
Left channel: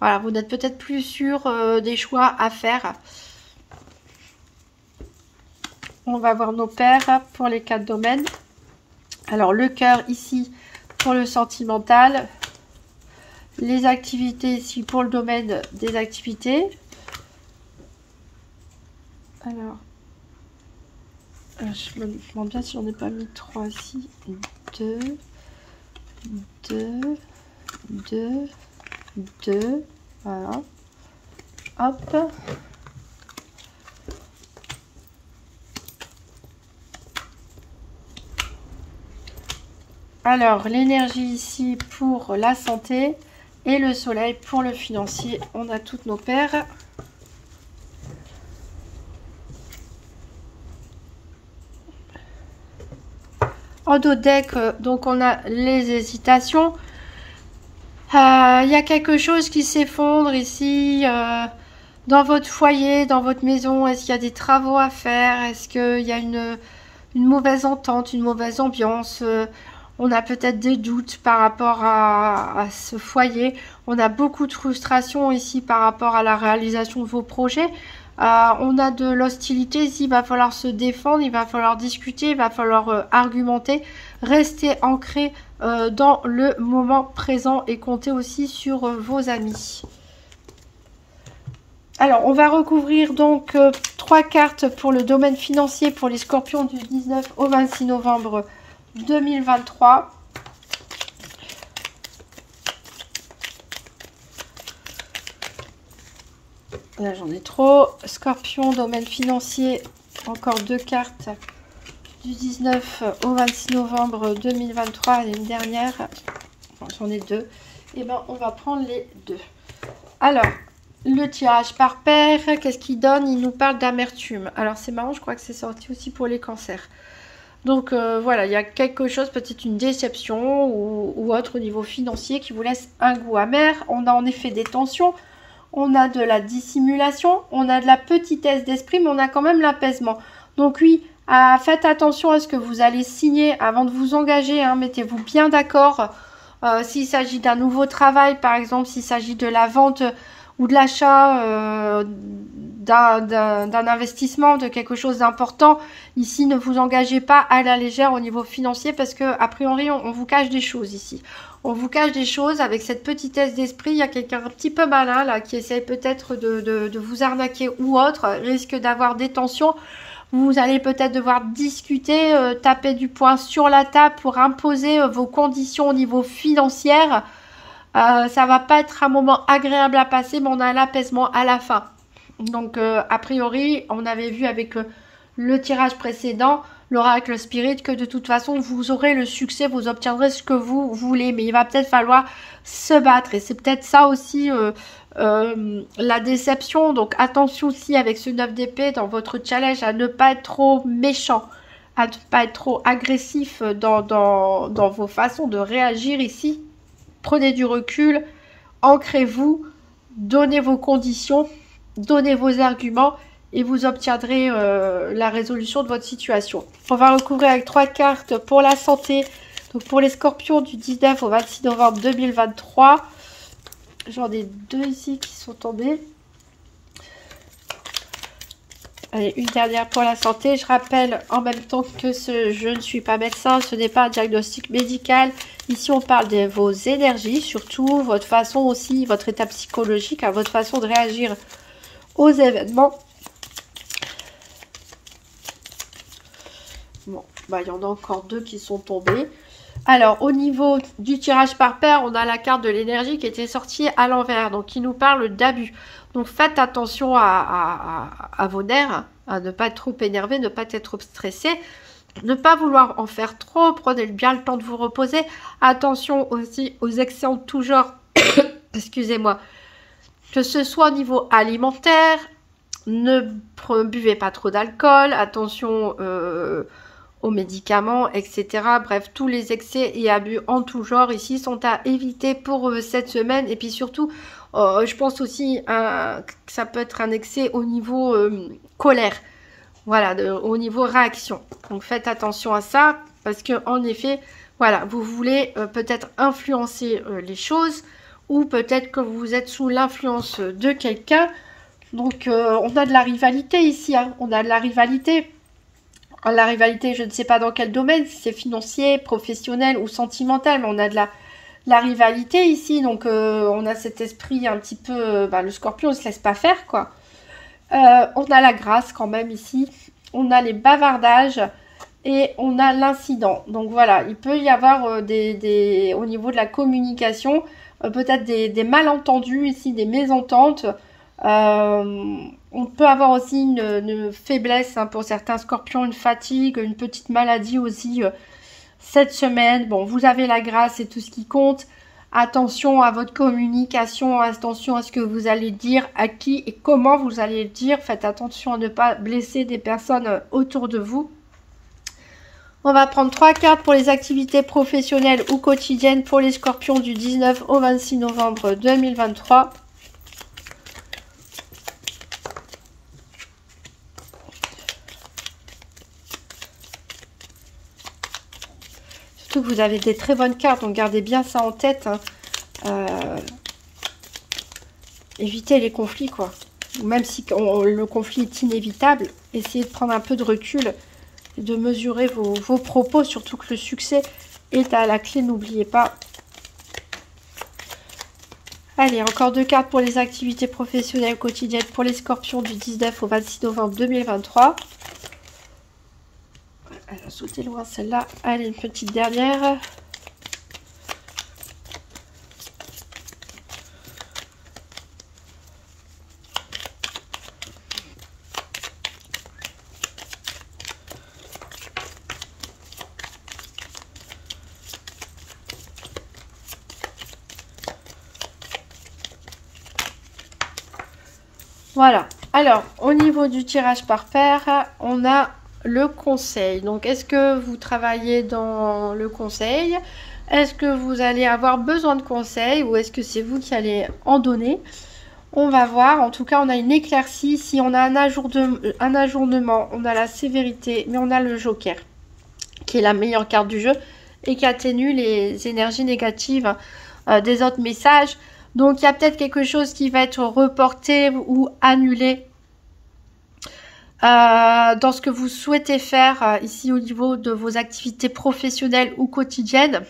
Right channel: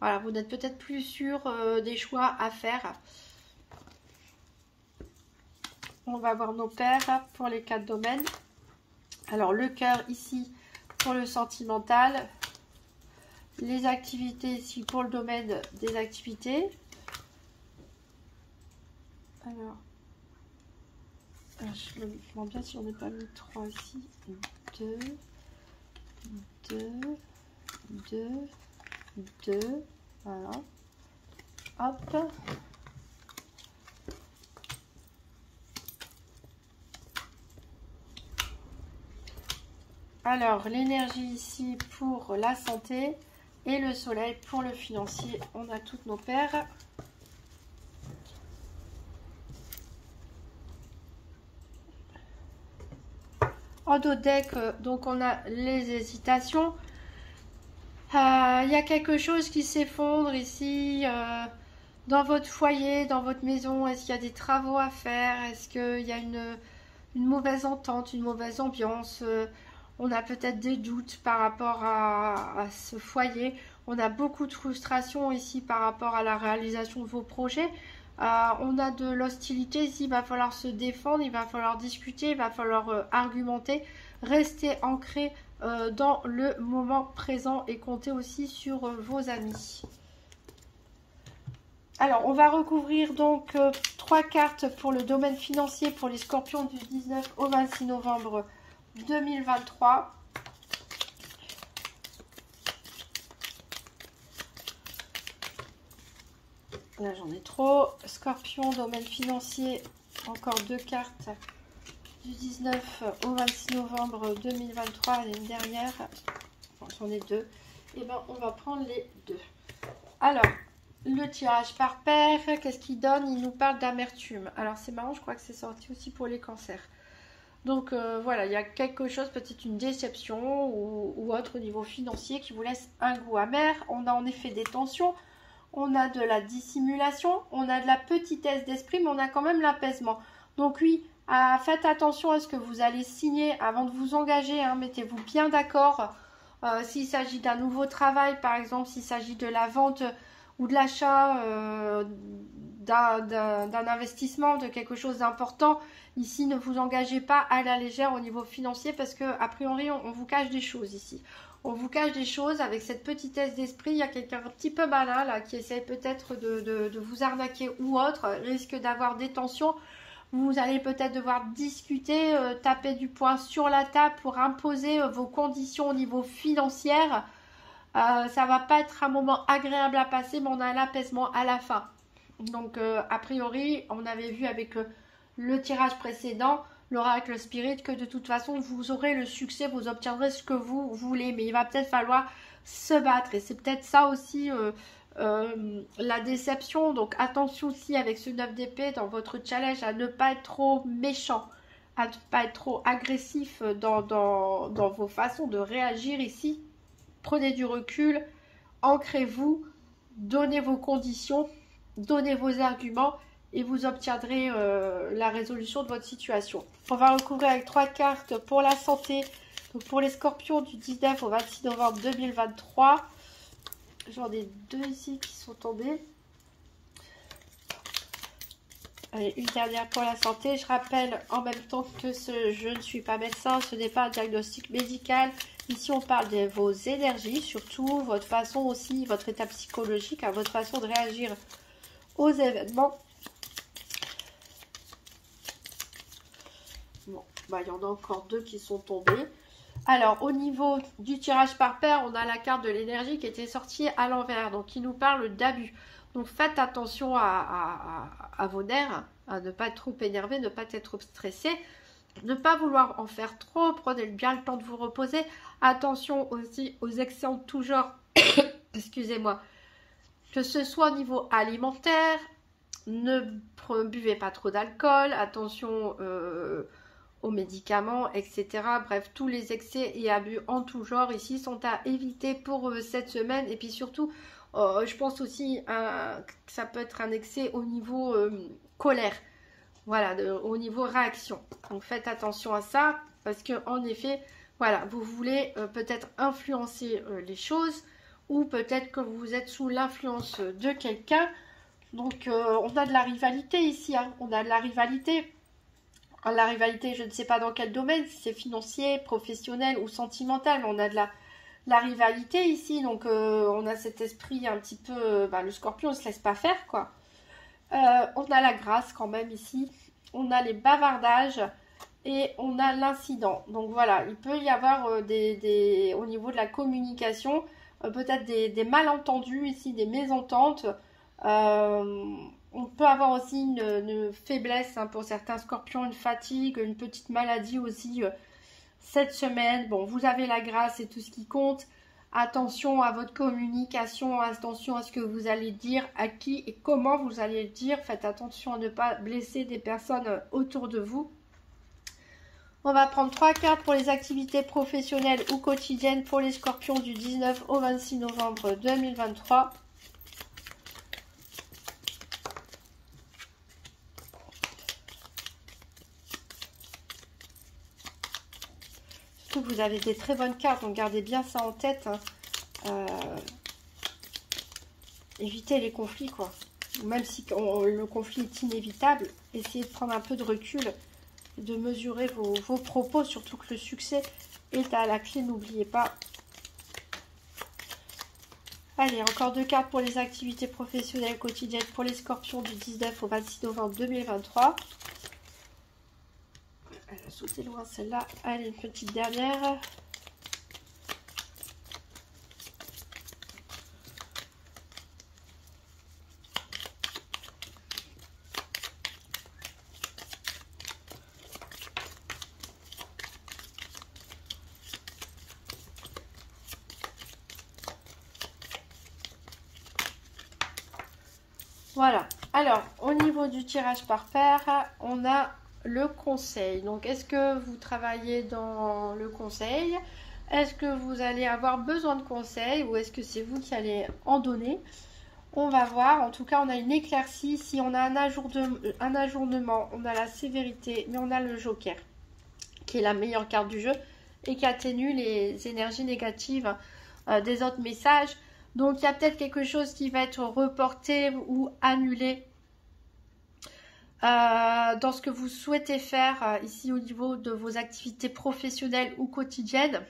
Voilà, vous n'êtes peut-être plus sûr des choix à faire. On va voir nos paires pour les 4 domaines. Alors, le cœur ici pour le sentimental. Les activités ici pour le domaine des activités. Alors, je me demande bien si j'en ai pas mis 3 ici. 2, 2, 2, 2. Voilà. Hop. Alors, l'énergie ici pour la santé et le soleil pour le financier. On a toutes nos paires. En dos de deck, donc on a les hésitations. Il y a quelque chose qui s'effondre ici dans votre foyer, dans votre maison. Est-ce qu'il y a des travaux à faire? Est-ce qu'il y a une mauvaise entente, une mauvaise ambiance? On a peut-être des doutes par rapport à ce foyer. On a beaucoup de frustration ici par rapport à la réalisation de vos projets. On a de l'hostilité ici, il va falloir se défendre, il va falloir discuter, il va falloir argumenter, rester ancré dans le moment présent et compter aussi sur vos amis. Alors, on va recouvrir donc 3 cartes pour le domaine financier pour les scorpions du 19 au 26 novembre 2023. Là, j'en ai trop. Scorpion, domaine financier, encore 2 cartes du 19 au 26 novembre 2023, l'année dernière. Enfin, j'en ai 2. Et ben, on va prendre les 2. Alors, le tirage par paire, qu'est-ce qu'il donne? Il nous parle d'amertume. Alors, c'est marrant, je crois que c'est sorti aussi pour les cancers. Donc, voilà, il y a quelque chose, peut-être une déception ou autre au niveau financier qui vous laisse un goût amer. On a en effet des tensions. On a de la dissimulation, on a de la petitesse d'esprit, mais on a quand même l'apaisement. Donc oui, faites attention à ce que vous allez signer avant de vous engager. Hein, mettez-vous bien d'accord. S'il s'agit d'un nouveau travail, par exemple, s'il s'agit de la vente ou de l'achat d'un investissement, de quelque chose d'important, ici, ne vous engagez pas à la légère au niveau financier parce que, a priori, on vous cache des choses ici. On vous cache des choses avec cette petitesse d'esprit. Il y a quelqu'un un petit peu malin là qui essaie peut-être de vous arnaquer ou autre, risque d'avoir des tensions. Vous allez peut-être devoir discuter, taper du poing sur la table pour imposer vos conditions au niveau financier. Ça va pas être un moment agréable à passer, mais on a l'apaisement à la fin. Donc, a priori, on avait vu avec le tirage précédent, l'oracle spirit, que de toute façon vous aurez le succès, vous obtiendrez ce que vous voulez, mais il va peut-être falloir se battre et c'est peut-être ça aussi la déception. Donc attention aussi avec ce 9 d'épée dans votre challenge à ne pas être trop méchant, à ne pas être trop agressif dans vos façons de réagir ici. Prenez du recul, ancrez-vous, donnez vos conditions, donnez vos arguments et vous obtiendrez la résolution de votre situation. On va recouvrir avec 3 cartes pour la santé. Donc pour les scorpions du 19 au 26 novembre 2023. J'en ai 2 ici qui sont tombés. Allez, une dernière pour la santé. Je rappelle en même temps que je ne suis pas médecin, ce n'est pas un diagnostic médical. Ici, on parle de vos énergies, surtout votre façon aussi, votre état psychologique, hein, votre façon de réagir aux événements. Bon, bah, il y en a encore 2 qui sont tombés. Alors, au niveau du tirage par paire, on a la carte de l'énergie qui était sortie à l'envers, donc qui nous parle d'abus. Donc, faites attention à vos nerfs, à ne pas être trop énervé, ne pas être trop stressé, ne pas vouloir en faire trop, prenez bien le temps de vous reposer. Attention aussi aux excès en tout genre, excusez-moi, que ce soit au niveau alimentaire, ne buvez pas trop d'alcool, attention aux médicaments, etc. Bref, tous les excès et abus en tout genre ici sont à éviter pour cette semaine. Et puis surtout, je pense aussi que ça peut être un excès au niveau colère. Voilà, au niveau réaction. Donc faites attention à ça parce que en effet, voilà, vous voulez peut-être influencer les choses ou peut-être que vous êtes sous l'influence de quelqu'un. Donc on a de la rivalité ici, hein. On a de la rivalité. La rivalité, je ne sais pas dans quel domaine, si c'est financier, professionnel ou sentimental, mais on a de la rivalité ici. Donc on a cet esprit un petit peu, le scorpion ne se laisse pas faire, quoi. On a la grâce quand même ici, on a les bavardages et on a l'incident. Donc voilà, il peut y avoir au niveau de la communication, peut-être des malentendus ici, des mésententes. On peut avoir aussi une faiblesse, hein, pour certains scorpions, une fatigue, une petite maladie aussi cette semaine. Bon, vous avez la grâce, c'est tout ce qui compte. Attention à votre communication, attention à ce que vous allez dire, à qui et comment vous allez le dire. Faites attention à ne pas blesser des personnes autour de vous. On va prendre 3 cartes pour les activités professionnelles ou quotidiennes pour les scorpions du 19 au 26 novembre 2023. Surtout que vous avez des très bonnes cartes, donc gardez bien ça en tête. Hein. Évitez les conflits, quoi. Même si le conflit est inévitable, essayez de prendre un peu de recul, de mesurer vos propos, surtout que le succès est à la clé, n'oubliez pas. Allez, encore 2 cartes pour les activités professionnelles quotidiennes pour les scorpions du 19 au 26 novembre 2023. Elle a sauté loin celle-là. Allez, une petite dernière. Voilà. Alors, au niveau du tirage par paire, on a le conseil. Donc, est-ce que vous travaillez dans le conseil? Est-ce que vous allez avoir besoin de conseils ou est-ce que c'est vous qui allez en donner? On va voir. En tout cas, on a une éclaircie. Si on a un ajournement, on a la sévérité, mais on a le joker, qui est la meilleure carte du jeu et qui atténue les énergies négatives des autres messages. Donc, il y a peut-être quelque chose qui va être reporté ou annulé dans ce que vous souhaitez faire ici au niveau de vos activités professionnelles ou quotidiennes.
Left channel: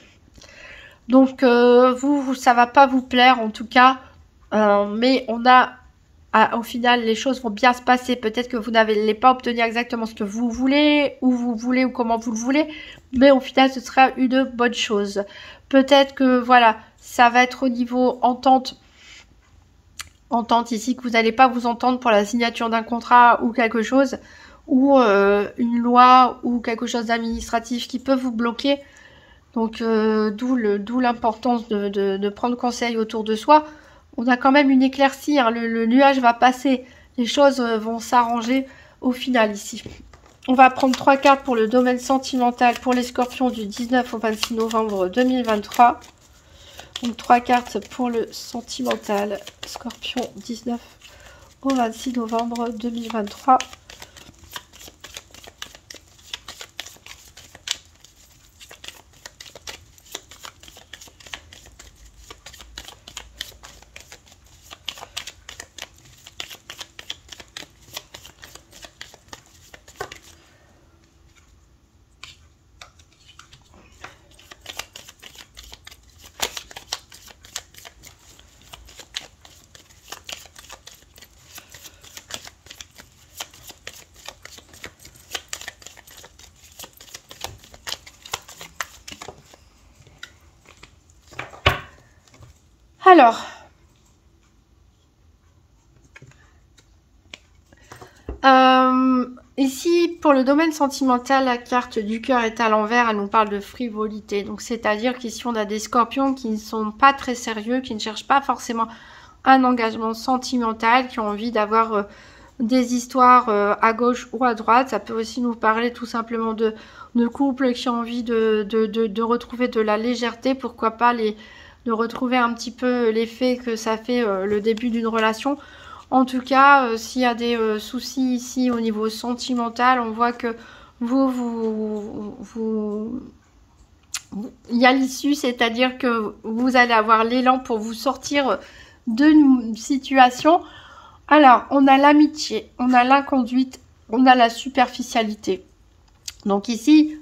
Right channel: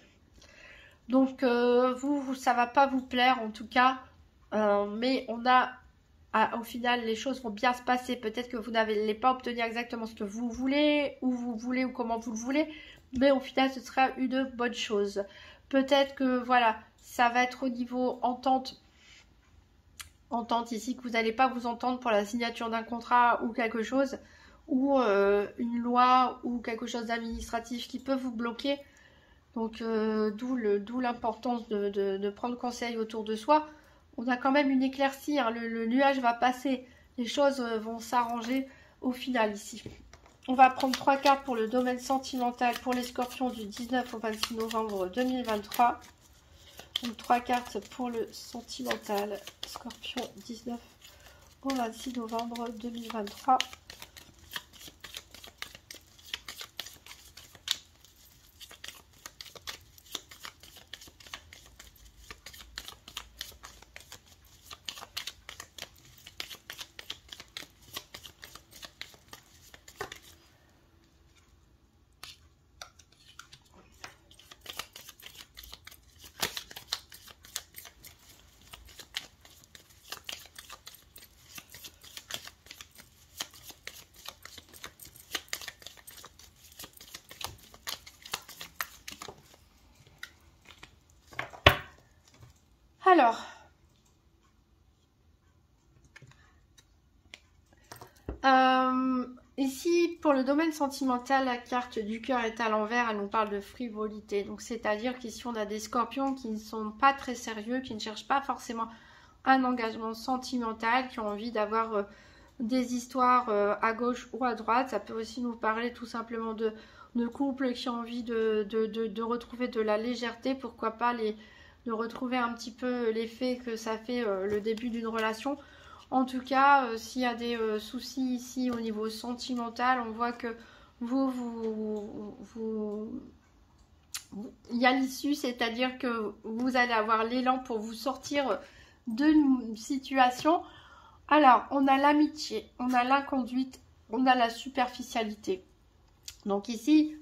Donc, ça va pas vous plaire en tout cas. Mais au final, les choses vont bien se passer. Peut-être que vous n'allez pas obtenir exactement ce que vous voulez, où vous voulez ou comment vous le voulez. Mais au final, ce sera une bonne chose. Peut-être que, voilà, ça va être au niveau entente ici, que vous n'allez pas vous entendre pour la signature d'un contrat ou quelque chose, ou une loi ou quelque chose d'administratif qui peut vous bloquer. Donc, d'où l'importance de prendre conseil autour de soi. On a quand même une éclaircie, hein, le nuage va passer, les choses vont s'arranger au final ici. On va prendre 3 cartes pour le domaine sentimental pour les scorpions du 19 au 26 novembre 2023. Donc 3 cartes pour le sentimental, scorpion 19 au 26 novembre 2023. Alors, ici, pour le domaine sentimental, la carte du cœur est à l'envers, elle nous parle de frivolité. Donc, c'est-à-dire qu'ici, on a des scorpions qui ne sont pas très sérieux, qui ne cherchent pas forcément un engagement sentimental, qui ont envie d'avoir des histoires à gauche ou à droite. Ça peut aussi nous parler tout simplement de couples qui ont envie de retrouver de la légèreté, pourquoi pas de retrouver un petit peu l'effet que ça fait le début d'une relation. En tout cas, s'il y a des soucis ici au niveau sentimental, on voit que il y a l'issue, c'est-à-dire que vous allez avoir l'élan pour vous sortir d'une situation. Alors, on a l'amitié, on a l'inconduite, on a la superficialité. Donc ici,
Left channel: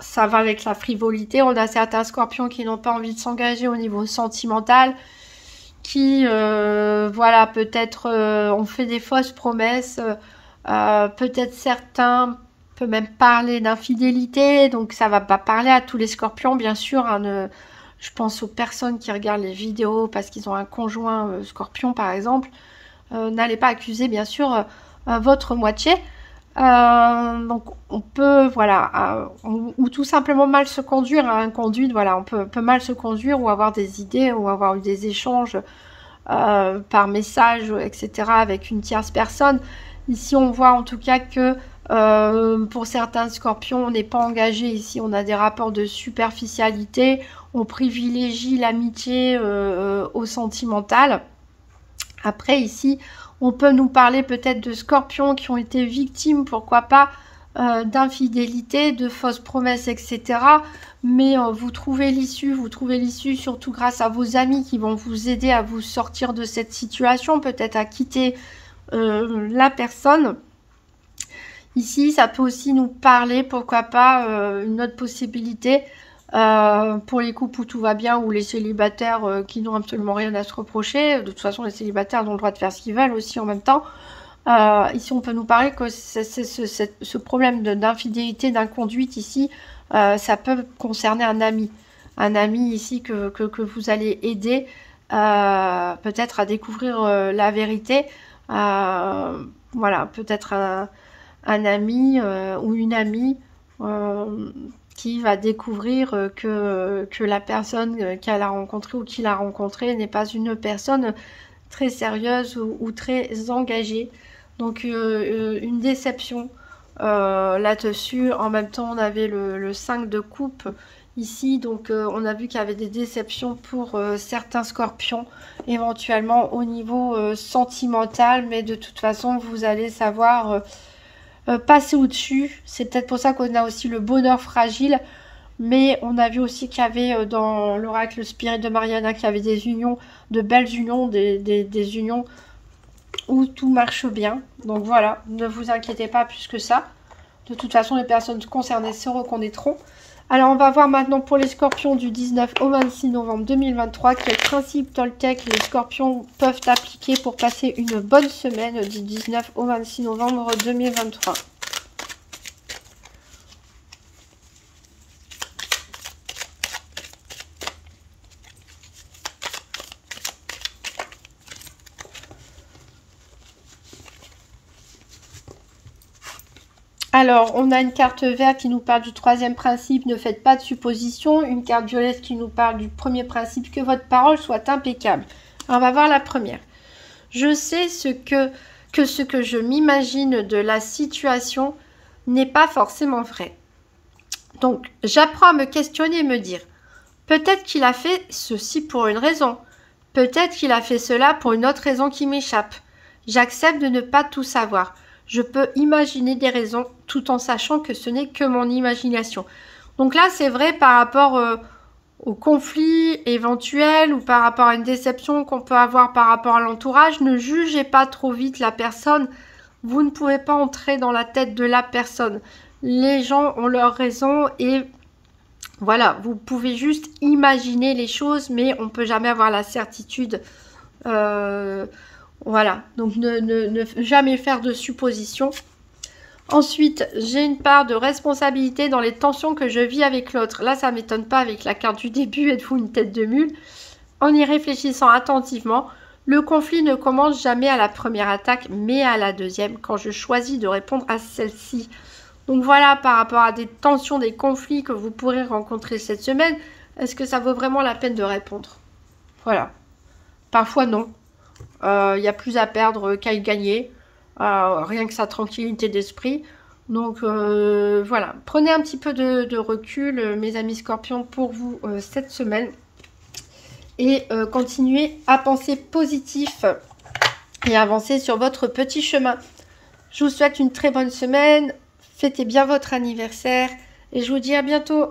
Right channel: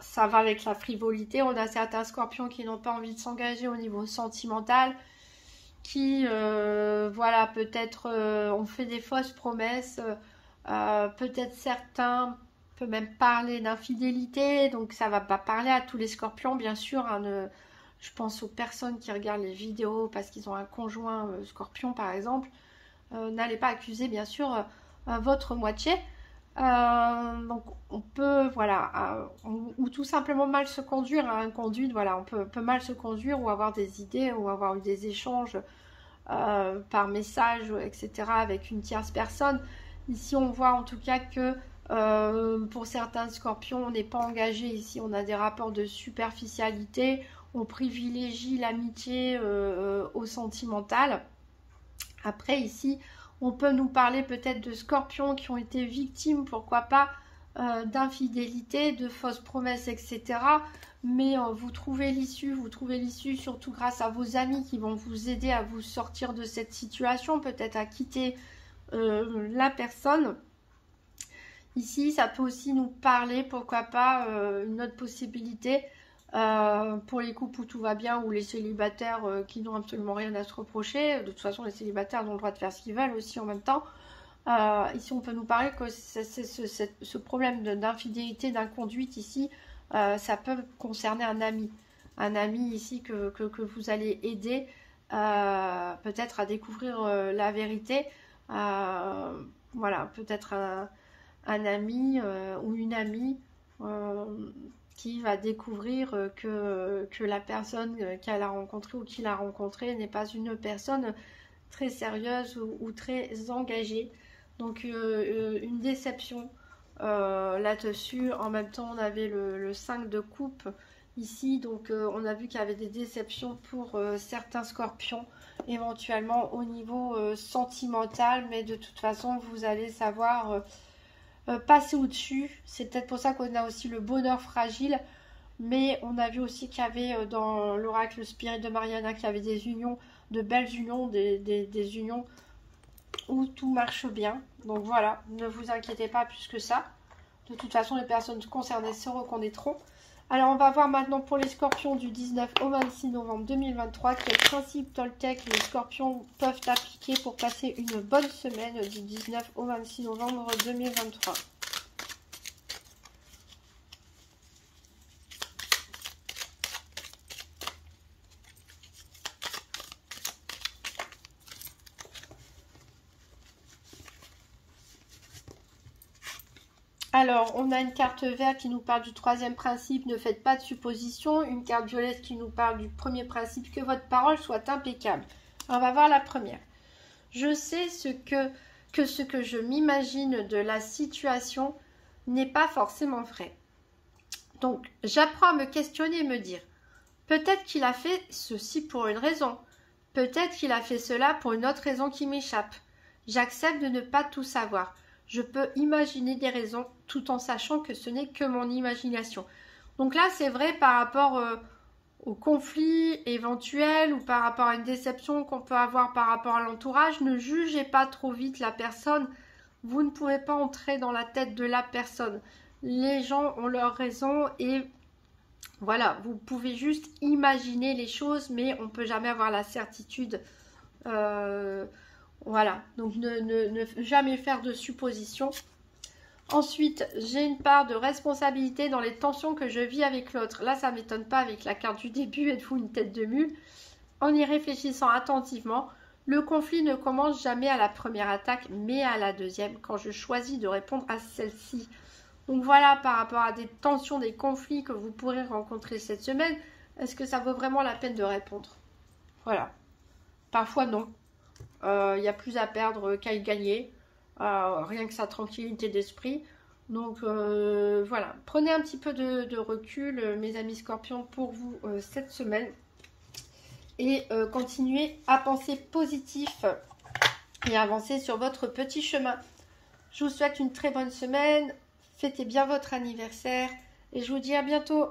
ça va avec la frivolité. On a certains scorpions qui n'ont pas envie de s'engager au niveau sentimental, qui, voilà, peut-être ont fait des fausses promesses. Peut-être certains peuvent même parler d'infidélité. Donc ça va pas parler à tous les scorpions, bien sûr. Hein, je pense aux personnes qui regardent les vidéos parce qu'ils ont un conjoint scorpion, par exemple. N'allez pas accuser, bien sûr, votre moitié. Donc on peut, voilà, ou tout simplement mal se conduire, hein, conduite, voilà, on peut mal se conduire ou avoir des idées ou avoir eu des échanges par message, etc. avec une tierce personne. Ici on voit en tout cas que pour certains scorpions, on n'est pas engagé ici, on a des rapports de superficialité, on privilégie l'amitié au sentimental. Après ici, on peut nous parler peut-être de scorpions qui ont été victimes, pourquoi pas, d'infidélité, de fausses promesses, etc. Mais vous trouvez l'issue surtout grâce à vos amis qui vont vous aider à vous sortir de cette situation, peut-être à quitter la personne. Ici, ça peut aussi nous parler, pourquoi pas, une autre possibilité pour les couples où tout va bien ou les célibataires qui n'ont absolument rien à se reprocher. De toute façon, les célibataires ont le droit de faire ce qu'ils veulent aussi en même temps. Ici, on peut nous parler que ce problème d'infidélité, d'inconduite ici, ça peut concerner un ami. Un ami ici que vous allez aider peut-être à découvrir la vérité. Voilà, peut-être un ami ou une amie qui va découvrir que la personne qu'elle a rencontrée ou qu'il a rencontrée n'est pas une personne très sérieuse ou très engagée. Donc une déception là-dessus. En même temps, on avait le 5 de coupe ici. Donc on a vu qu'il y avait des déceptions pour certains scorpions, éventuellement au niveau sentimental. Mais de toute façon, vous allez savoir passer au-dessus. C'est peut-être pour ça qu'on a aussi le bonheur fragile. Mais on a vu aussi qu'il y avait dans l'oracle Spirit de Mariana qu'il y avait des unions, de belles unions, des unions où tout marche bien. Donc voilà, ne vous inquiétez pas plus que ça. De toute façon, les personnes concernées se reconnaîtront. Alors, on va voir maintenant pour les scorpions du 19 au 26 novembre 2023 quels principes Toltec les scorpions peuvent appliquer pour passer une bonne semaine du 19 au 26 novembre 2023. Alors, on a une carte verte qui nous parle du troisième principe, ne faites pas de suppositions. Une carte violette qui nous parle du premier principe, que votre parole soit impeccable. Alors, on va voir la première. Je sais ce que je m'imagine de la situation n'est pas forcément vrai. Donc, j'apprends à me questionner et me dire, peut-être qu'il a fait ceci pour une raison. Peut-être qu'il a fait cela pour une autre raison qui m'échappe. J'accepte de ne pas tout savoir. Je peux imaginer des raisons tout en sachant que ce n'est que mon imagination. Donc là, c'est vrai par rapport au conflit éventuel ou par rapport à une déception qu'on peut avoir par rapport à l'entourage. Ne jugez pas trop vite la personne. Vous ne pouvez pas entrer dans la tête de la personne. Les gens ont leurs raisons et voilà, vous pouvez juste imaginer les choses, mais on ne peut jamais avoir la certitude. Voilà, donc ne jamais faire de suppositions. Ensuite, j'ai une part de responsabilité dans les tensions que je vis avec l'autre. Là, ça ne m'étonne pas avec la carte du début, êtes-vous une tête de mule? En y réfléchissant attentivement, le conflit ne commence jamais à la première attaque, mais à la deuxième, quand je choisis de répondre à celle-ci. Donc voilà, par rapport à des tensions, des conflits que vous pourrez rencontrer cette semaine, est-ce que ça vaut vraiment la peine de répondre? Voilà. Parfois, non. Il y a plus à perdre qu'à y gagner. Rien que sa tranquillité d'esprit. Donc voilà, prenez un petit peu de recul, mes amis scorpions, pour vous cette semaine. Et continuez à penser positif et avancer sur votre petit chemin. Je vous souhaite une très bonne semaine. Fêtez bien votre anniversaire. Et je vous dis à bientôt.